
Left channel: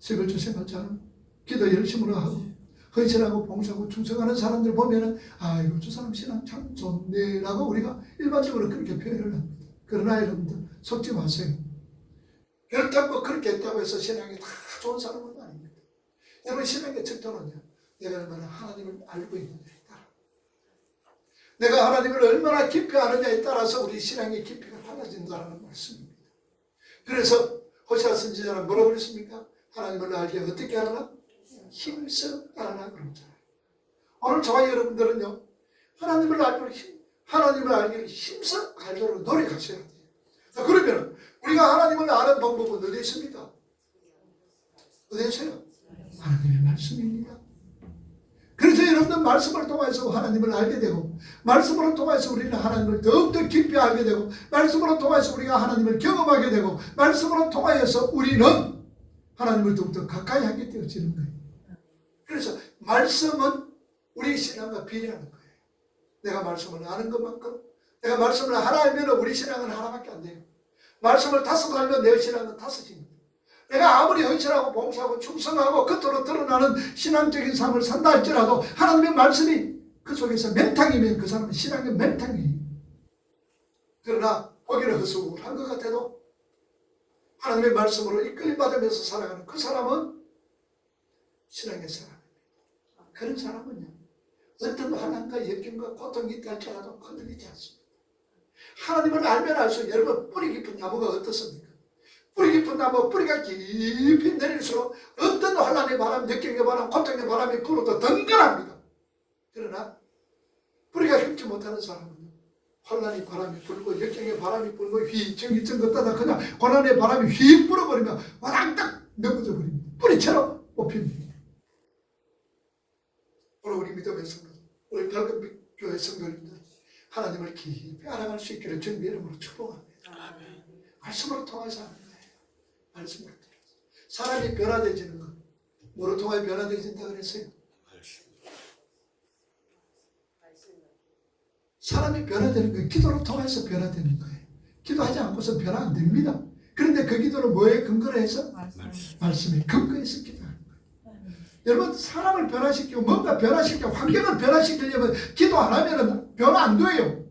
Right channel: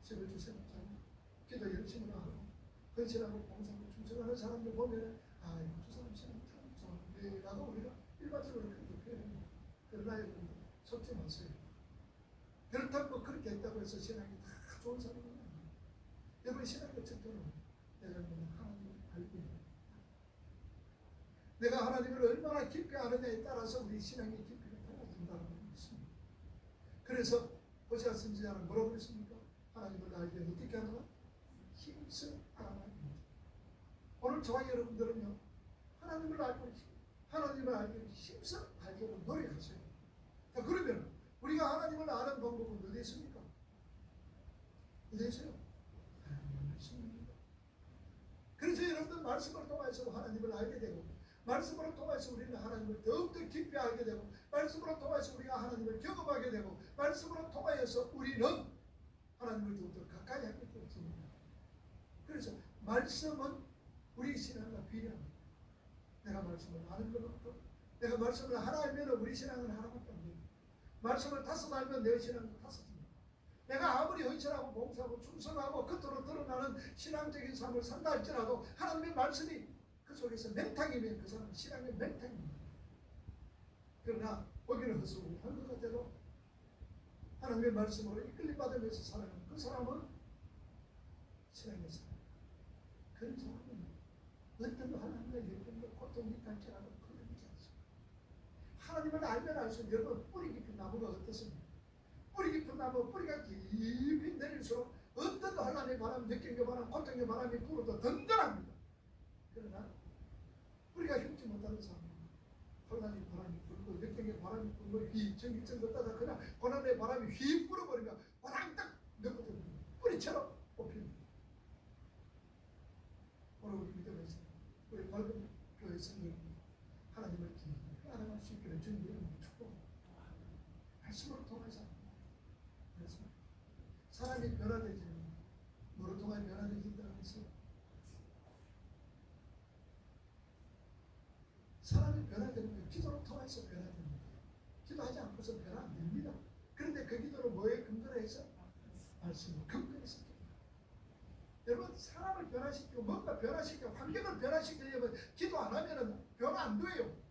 세벌주 생활자는 기도 열심으로 하고 헌신하고 봉사하고 충성하는 사람들 보면은 아이고, 저 사람 신앙 참 좋네라고 우리가 일반적으로 그렇게 표현을 합니다. 그러나 여러분들 속지 마세요. 그렇다고 그렇게 했다고 해서 신앙이 다 좋은 사람은 아닙니다. 여러분, 신앙의 척도는요, 내가 얼마나 하나님을 알고 있느냐에 따라, 내가 하나님을 얼마나 깊이 아느냐에 따라서 우리 신앙의 깊이가 달라진다는 말씀입니다. 그래서 호시아 선지자는 뭐라고 그랬습니까? 하나님을 알게 어떻게 하라? 힘써 알아라 그러잖아요. 오늘 저와 여러분들은요, 하나님을 알기를 힘써 알도록 노력하셔야 돼요. 그러면 우리가 하나님을 아는 방법은 어디에 있습니까? 어디에 있어요? 하나님의 말씀입니다. 그래서 여러분들 말씀을 통해서 하나님을 알게 되고, 말씀으로 통해서 우리는 하나님을 더욱더 깊이 알게 되고, 말씀으로 통해서 우리가 하나님을 경험하게 되고, 말씀으로 통하여서 우리는 하나님을 더욱더 가까이 하게 되어지는 거예요. 그래서 말씀은 우리 신앙과 비례하는 거예요. 내가 말씀을 아는 것만큼, 내가 말씀을 하나 알면 우리 신앙은 하나밖에 안 돼요. 말씀을 5 알면 내 신앙은 5입니다. 내가 아무리 헌신하고 봉사하고 충성하고 겉으로 드러나는 신앙적인 삶을 산다 할지라도 하나님의 말씀이 그 속에서 맹탕이면 그 사람은 신앙의 맹탕이에요. 그러나 보기는 허술한 것 같아도 하나님의 말씀으로 이끌림받으면서 살아가는 그 사람은 신앙의 사람. 그런 사람은요, 어떤 환난과 역경과 고통이 있다 할지라도 흔들리지 않습니다. 하나님을 알면 알수록 여러분, 뿌리 깊은 나무가 어떻습니까? 뿌리 깊은 나무, 뿌리가 깊이 내릴수록 어떤 환난의 바람, 역경의 바람, 고통의 바람이 불어도 덩그랍니다. 그러나 뿌리가 깊지 못하는 사람은 환난의 바람이 불고 역경의 바람이 불고 휘청휘청 걷다가 그냥 고난의 바람이 휙 불어버리면 와당딱 넘어져 버립니다. 뿌리처럼 뽑힙니다. 오늘 우리 믿음의 성도, 우리 밝은 교회 성도님들, 하나님을 깊이 알아갈 수 있기를 주님의 이름으로 축복합니다. 말씀으로 통해서 하는 거예요. 말씀으로 통해서. 사람이 변화되지는 것, 뭐로 통하여 변화되진다 그랬어요? 사람이 변화되는 거예요. 기도로 통해서 변화되는 거예요. 기도하지 않고서 변화 안 됩니다. 그런데 그 기도는 뭐에 근거로 해서? 말씀에 근거해서 기도하는 거예요. 여러분, 사람을 변화시키고 뭔가 변화시키고 환경을 변화시키려면 기도 안 하면 변화 안 돼요.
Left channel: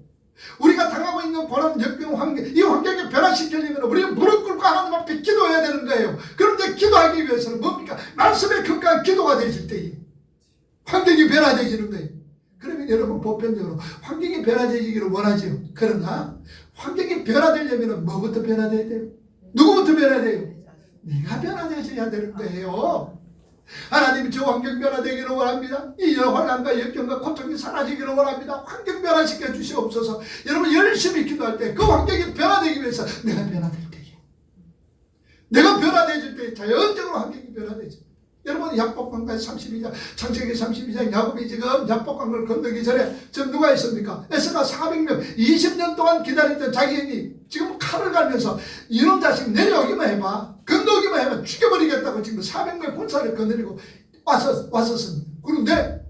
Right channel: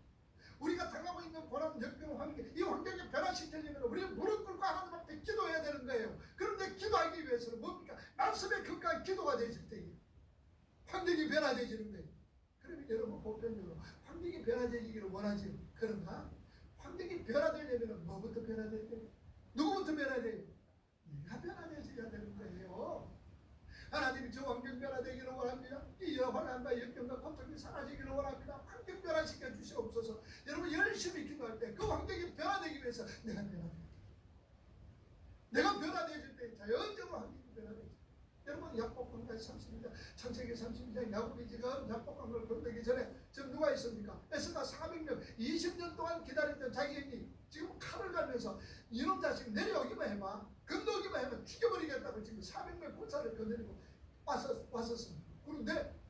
우리가 당하고 있는 고난, 역경, 환경, 이 환경을 변화시키려면 우리는 무릎 꿇고 하나님 앞에 기도해야 되는 거예요. 그런데 기도하기 위해서는 뭡니까? 말씀에 근거한 기도가 되실 때에 환경이 변화되지는 거예요. 그러면 여러분, 보편적으로 환경이 변화되기를 원하지요. 그러나 환경이 변화되려면 뭐부터 변화돼야 돼요? 누구부터 변화돼요? 내가 변화되셔야 되는 거예요. 하나님, 저 환경 변화되기를 원합니다. 이 환난과 역경과 고통이 사라지기를 원합니다. 환경 변화시켜 주시옵소서. 여러분, 열심히 기도할 때 그 환경이 변화되기 위해서 내가 변화될 때에, 내가 변화되질 때 자연적으로 환경이 변화되죠. 여러분, 야복강가의 32장, 창세기 32장, 야곱이 지금 야복강을 건너기 전에 지금 누가 있습니까? 에서가 400명, 20년 동안 기다렸던 자기 형이 지금 칼을 갈면서 이놈 자식 내려오기만 해봐, 건너오기만 해봐 죽여버리겠다고 지금 400명 군사를 거느리고 왔었습니다. 그런데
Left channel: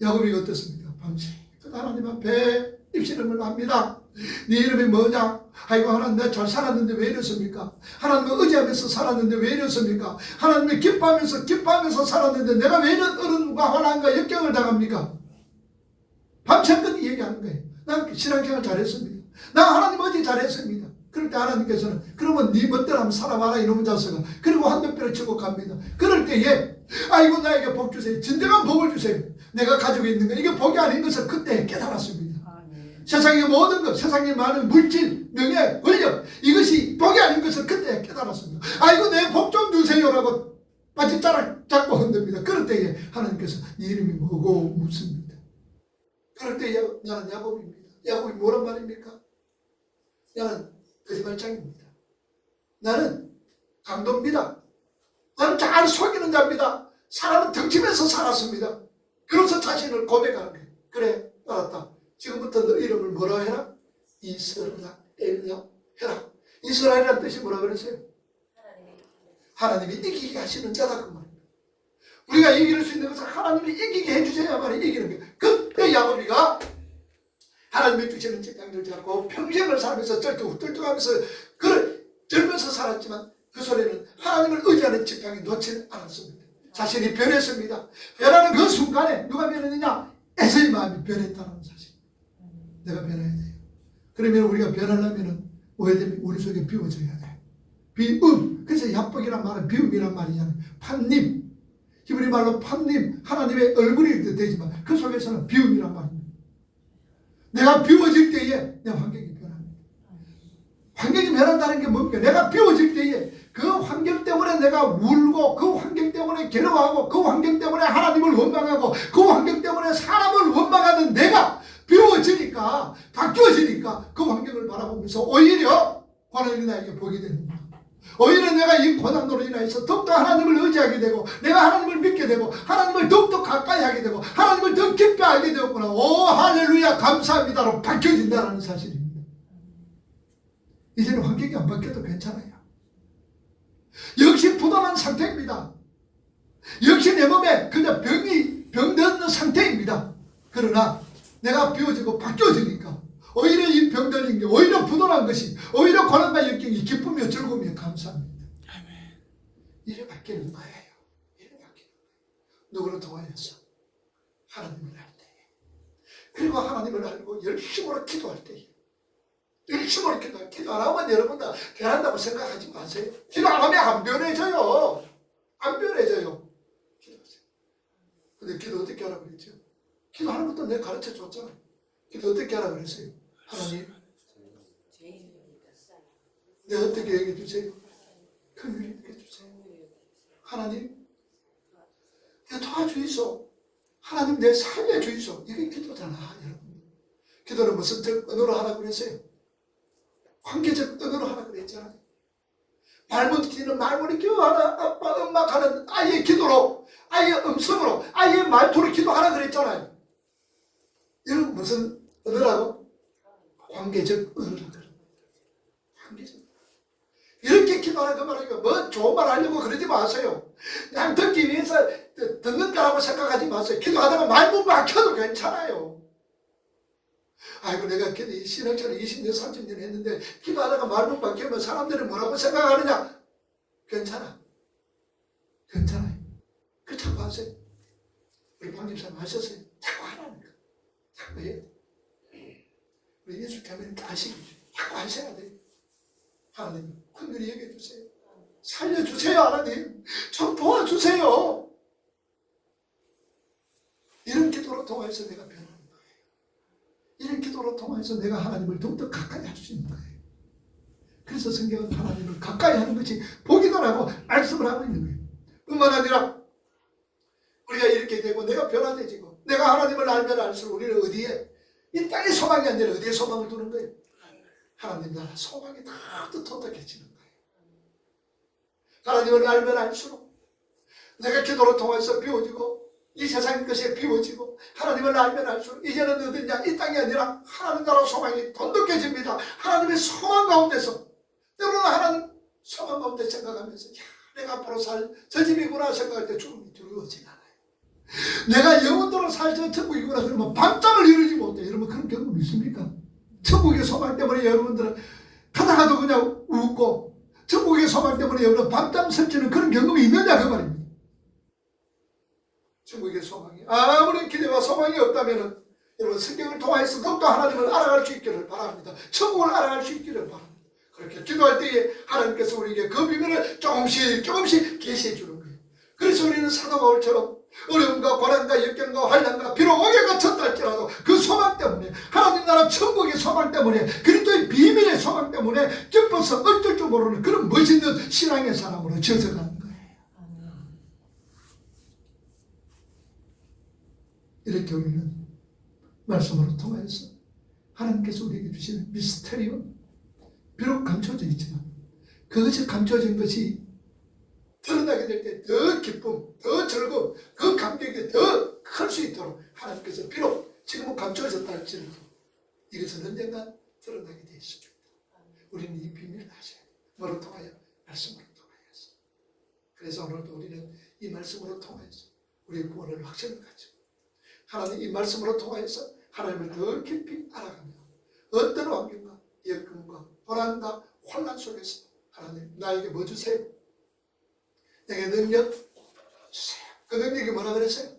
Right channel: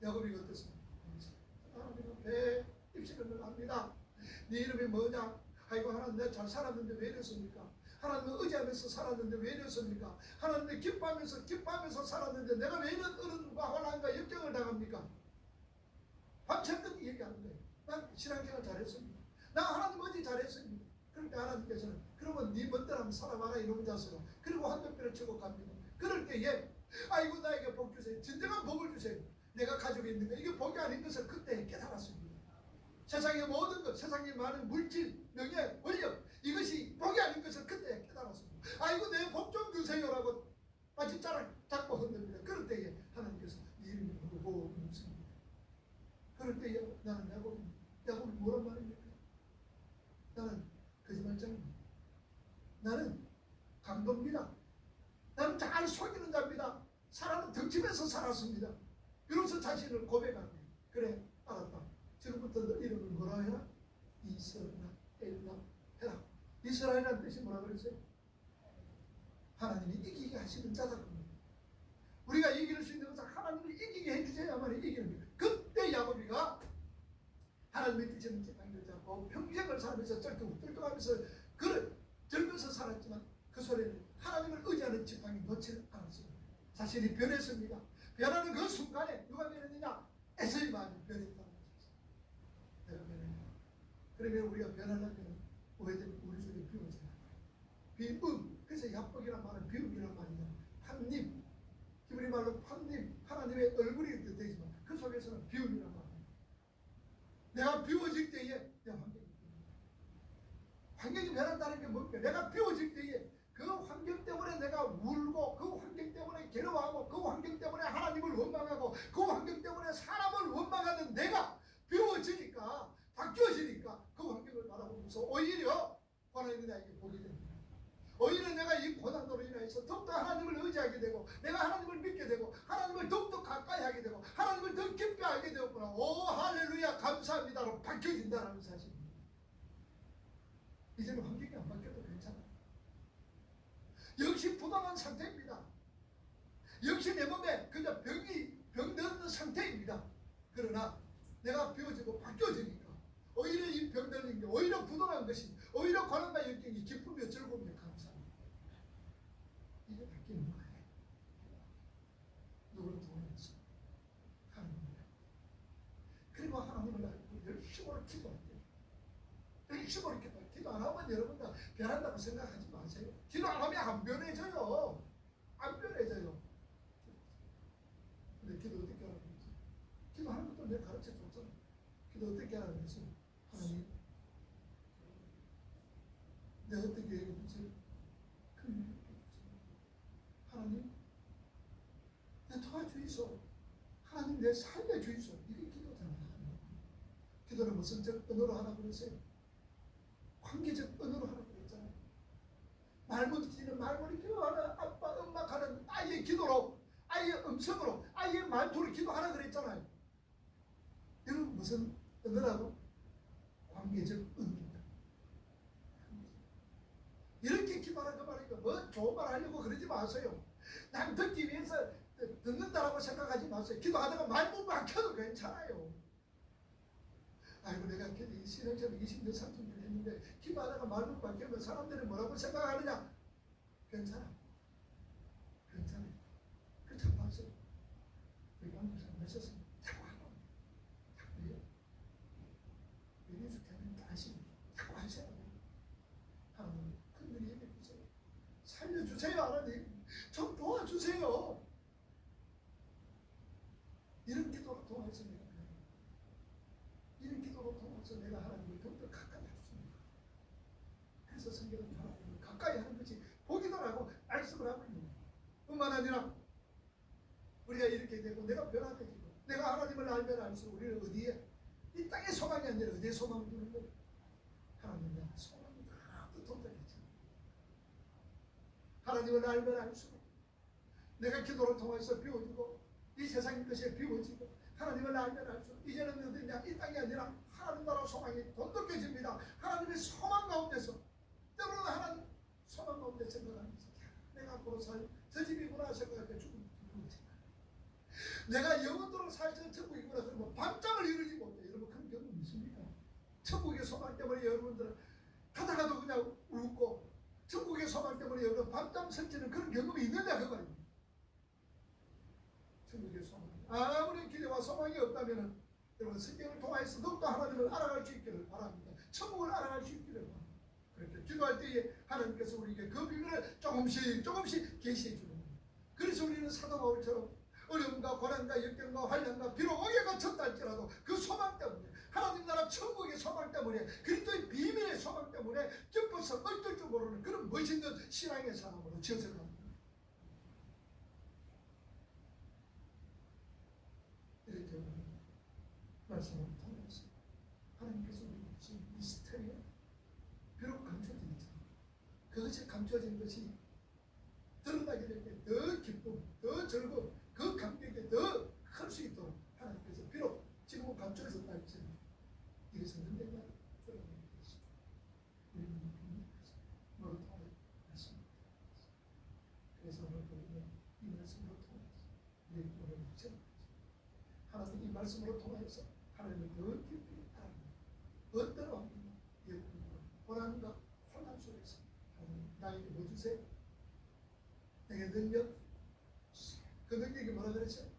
야곱이 어떻습니까? 밤새 하나님 앞에 입신음을 합니다. 네 이름이 뭐냐? 아이고, 하나님, 내가 잘 살았는데 왜 이렇습니까? 하나님을 의지하면서 살았는데 왜 이렇습니까? 하나님을 기뻐하면서 살았는데 내가 왜 이런 어려움과 환난과 역경을 당합니까? 밤새껏 얘기하는 거예요. 난 신앙생활 잘했습니다. 나 하나님 어제 잘했습니다. 그럴 때 하나님께서는 그러면 네 멋대로 한번 살아봐라 이놈의 자식아. 그리고 한병뼈를 치고 갑니다. 그럴 때에 아이고, 나에게 복 주세요. 진정한 복을 주세요. 내가 가지고 있는 거 이게 복이 아닌 것을 그때 깨달았습니다. 세상의 모든 것, 세상의 많은 물질, 명예, 권력, 이것이 복이 아닌 것을 그때 깨달았습니다. 아이고, 내 복 좀 주세요라고 바짓자락 잡고 흔듭니다. 그럴 때에 하나님께서 네 이름이 뭐고 묻습니다. 그럴 때 나는 야곱입니다. 야곱이 뭐란 말입니까? 나는 거짓말장입니다. 나는 강도입니다. 나는 잘 속이는 자입니다. 사람은 덩치면서 살았습니다. 그래서 자신을 고백하는 거예요. 그래, 알았다. 지금부터 너 이름을 뭐라 해라? 이스라엘이라 해라. 이스라엘이라는 뜻이 뭐라 그랬어요? 하나님이 이기게 하시는 자다 그 말입니다. 우리가 이길 수 있는 것은 하나님이 이기게 해주셔야만 이기는 거예요. 그때 야곱이가 하나님이 주시는 직장을 잡고 평생을 살면서 쩔뚝쩔뚝하면서 젊어서 살았지만 그 소리는 하나님을 의지하는 직장이 놓지 않았습니다. 자신이 변했습니다. 변하는 그 순간에 누가 변했느냐? 에서의 마음이 변했다는 사실. 내가 변해야 돼. 그러면 우리가 변하려면 뭐해야 되면 우리 속에 비워져야 돼. 비움. 그래서 야복이란 말은 비움이란 말이잖아요. 판님. 히브리 말로 판님. 하나님의 얼굴이 되지만 그 속에서는 비움이란 말입니다. 내가 비워질 때에 내 환경이 변합니다. 환경이 변한다는 게 뭡니까? 내가 비워질 때에 그 환경 때문에 내가 울고 그 환경 때문에 괴로워하고 그 환경 때문에 하나님을 원망하고 그 환경 때문에 사람을 원망하는 내가 비워지니까 바뀌어지니까 그 환경을 바라보면서 오히려 하나님이 나에게 보게 됩니다. 오히려 내가 이 고난으로 인해서 더욱더 하나님을 의지하게 되고 내가 하나님을 믿게 되고 하나님을 더욱더 가까이 하게 되고 하나님을 더 깊이 알게 되었구나. 오 할렐루야 감사합니다로 바뀌어진다는 사실입니다. 이제는 환경이 안 바뀌어도 괜찮아요. 역시 부담한 상태입니다. 역시 내 몸에 그냥 병든 상태입니다. 그러나 내가 비워지고 바뀌어지니까 오히려 이 병들린 게 오히려 부도난 것이 오히려 고난과 역경이 기쁨이요 즐거움이요 감사합니다. 이래 바뀌는 거예요. 이래 바뀌는 거예요. 누구를 통하여서? 하나님을 알 때. 그리고 하나님을 알고 열심으로 기도할 때. 열심으로 기도 안 하면 여러분들 변한다고 생각하지 마세요. 기도 안 하면 안 변해져요. 안 변해져요. 기도하세요. 근데 기도 어떻게 하라고 그랬죠? 기도하는 것도 내가 가르쳐 줬잖아. 기도 어떻게 하라고 그랬어요? 하나님, 내가 어떻게 얘기해 주세요? 긍휼히 얘기해 주세요. 하나님, 내 도와주이소. 하나님, 내 살려주이소. 이게 기도잖아, 여러분. 기도는 무슨 언어로 하라고 그랬어요? 관계적 언어로 하라고 그랬잖아요. 말문티는 말문이 하나, 아빠, 엄마 하는 아이의 기도로, 아이의 음성으로, 아이의 말투로 기도하라 그랬잖아요. 이건 무슨 언어라고? 관계적 언어라고 그래요. 관계적. 이렇게 기도하는 그 말이니까 뭐 좋은 말 하려고 그러지 마세요. 그냥 듣기 위해서 듣는 거라고 생각하지 마세요. 기도하다가 말문 막혀도 괜찮아요. 아이고 내가 신앙생활 20년 30년 했는데 기도하다가 말문 막히면 사람들이 뭐라고 생각하느냐? 괜찮아. 괜찮아요. 그 자꾸 하세요. 우리 방집사님 하셨어요. 자꾸 하라는 거. 자꾸 해요. 우리 예수 교회는 아시겠죠. 자꾸 하셔야 돼요. 하나님 긍휼히 얘기해 주세요. 살려주세요. 하나님 좀 도와주세요. 이런 기도로 통해서 내가 변하는 거예요. 이런 기도로 통해서 내가 하나님을 더욱더 가까이 할 수 있는 거예요. 그래서 성경은 하나님을 가까이 하는 것이 복이다라고 말씀을 하고 있는 거예요. 뿐만 아니라 우리가 이렇게 되고 내가 변화되지고 내가 하나님을 알면 알수록 우리는 어디에 이 땅의 소망이 아니라 어디에 소망을 두는 거예요? 하나님 나라 소망이 더 도덕해지는 거예요. 하나님을 알면 알수록 내가 기도를 통해서 비워지고 이 세상 것이 비워지고 하나님을 알면 알수록 이제는 어디냐 이 땅이 아니라 하나님 나라 소망이 돈독해집니다. 하나님의 소망 가운데서 때로는 하나님 소망 가운데 생각하면서 야, 내가 앞으로 살 저 집이구나 생각할 때 죽음이 두려워지지 않아요. 내가 영원토록 살 저 천국이구나 그러면 밤잠을 이루지 못해. 여러분 그런 경험 있습니까? 천국의 소망 때문에 여러분들은 가다가도 그냥 웃고 천국의 소망 때문에 여러분 밤잠 설치는 그런 경험이 있느냐 그 말입니다. 천국의 소망이 아무런 기대와 소망이 없다면 여러분 성경을 통해서 더욱더 하나님을 알아갈 수 있기를 바랍니다. 천국을 알아갈 수 있기를 바랍니다. 그렇게 기도할 때에 하나님께서 우리에게 그 비밀을 조금씩 계시해 주는 거예요. 그래서 우리는 사도 바울처럼 어려움과 고난과 역경과 환난과 비록 옥에 갇혔다 할지라도 그 소망 때문에 하나님 나라 천국의 소망 때문에 그리스도의 비밀의 소망 때문에 기뻐서 어쩔 줄 모르는 그런 멋있는 신앙의 사람으로 지어져가는 거예요. 이렇게 우리는 말씀으로 통해서 하나님께서 우리에게 주시는 미스테리온 비록 감춰져 있지만 그것이 감춰진 것이 드러나게 될 때 더 기쁨, 더 즐거움, 그 감격이 더 클 수 있도록 하나님께서 비록 지금은 감춰졌다 할지라도 이것은 언젠가 드러나게 되어 있습니다. 우리는 이 비밀을 아셔야 돼요. 뭐로 통하여? 말씀으로 통하여서. 말씀으로 통하여서 우리의 구원을 확신을 가지고 하나님 이 말씀으로 통하여서 하나님을 더 깊이 알아가며 어떤 환경과 역경과 고난과 혼란 속에서 하나님 나에게 뭐 주세요? 내게 능력 주세요. 그 능력이 뭐라 그랬어요?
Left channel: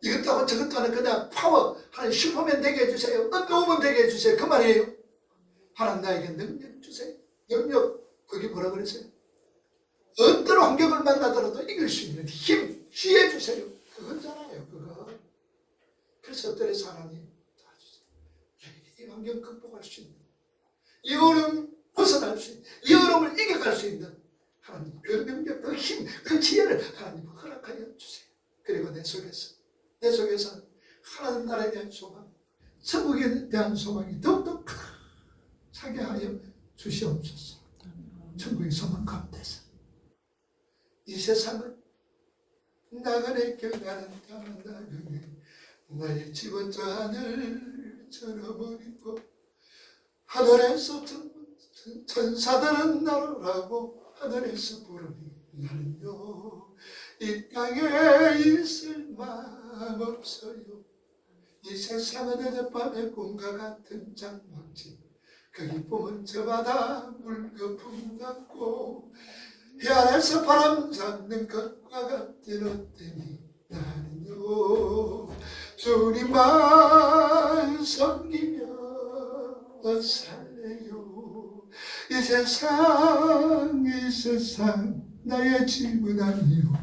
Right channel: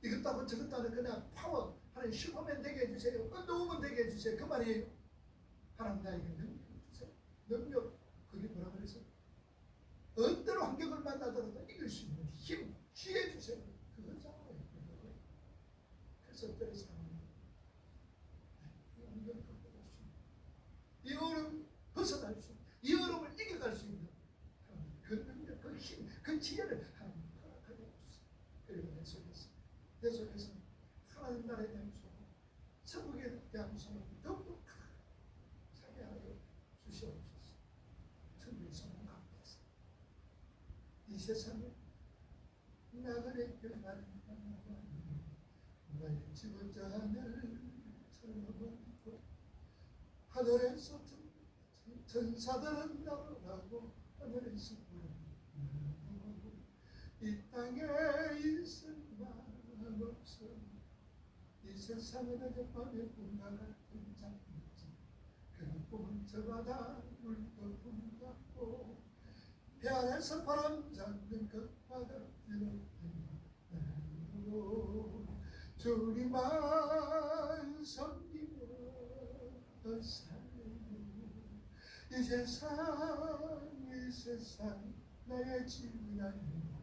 이것도 하고 저것도 하는 그냥 파워, 하나님 슈퍼맨 되게 해주세요. 언더우먼 되게 해주세요. 그 말이에요. 하나님 나에게 능력 주세요. 능력, 그게 뭐라 그랬어요? 어떤 환경을 만나더라도 이길 수 있는 힘, 지혜 주세요. 그거잖아요, 그거. 그래서 어떠해서 하나님 도와주세요. 이 환경 극복할 수 있는, 이 어려움 벗어날 수 있는, 이 어려움을 이겨갈 수 있는 하나님 그 능력, 그 힘, 그 지혜를 하나님 허락하여 주세요. 그리고 내 속에서 하나님 나라에 대한 소망, 천국에 대한 소망이 더욱더 차게 하여 주시옵소서. 천국의 소망 가운데서 이 세상은 나그네 결과는 나그네 나의 집은 저 하늘처럼 있고 하늘에서 천사들은 나르라고 하늘에서 부르니 나는요 이 땅에 있을 마음 없어요. 이 세상은 어젯밤의 꿈과 같은 장막지, 그 기쁨은 저마다 물거품 같고 해 아래서 바람 잡는 것과 같은 어때니 나는요 주님만 섬기며 살래요. 이 세상 나의 집은 아니요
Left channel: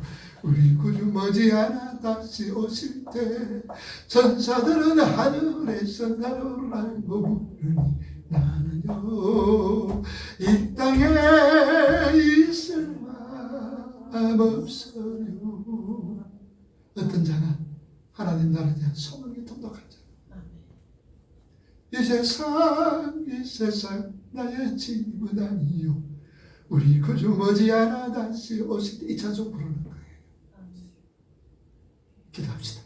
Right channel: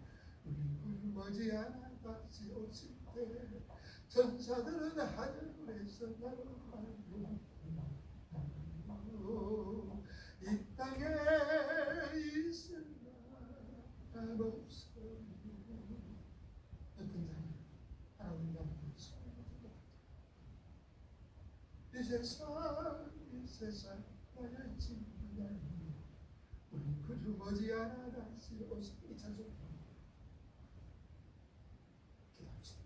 우리 구주 머지않아 다시 오실 때 천사들은 하늘에서 나를 알고 부르니 나는요 이 땅에 있을 마음 없어요. 어떤 자는 하나님 나라에 대한 소망이 통독한 자, 이 세상 나의 집은 아니요 우리 구주 머지않아 다시 오실 때 이 찬송 부르는 거예요. 기도합시다.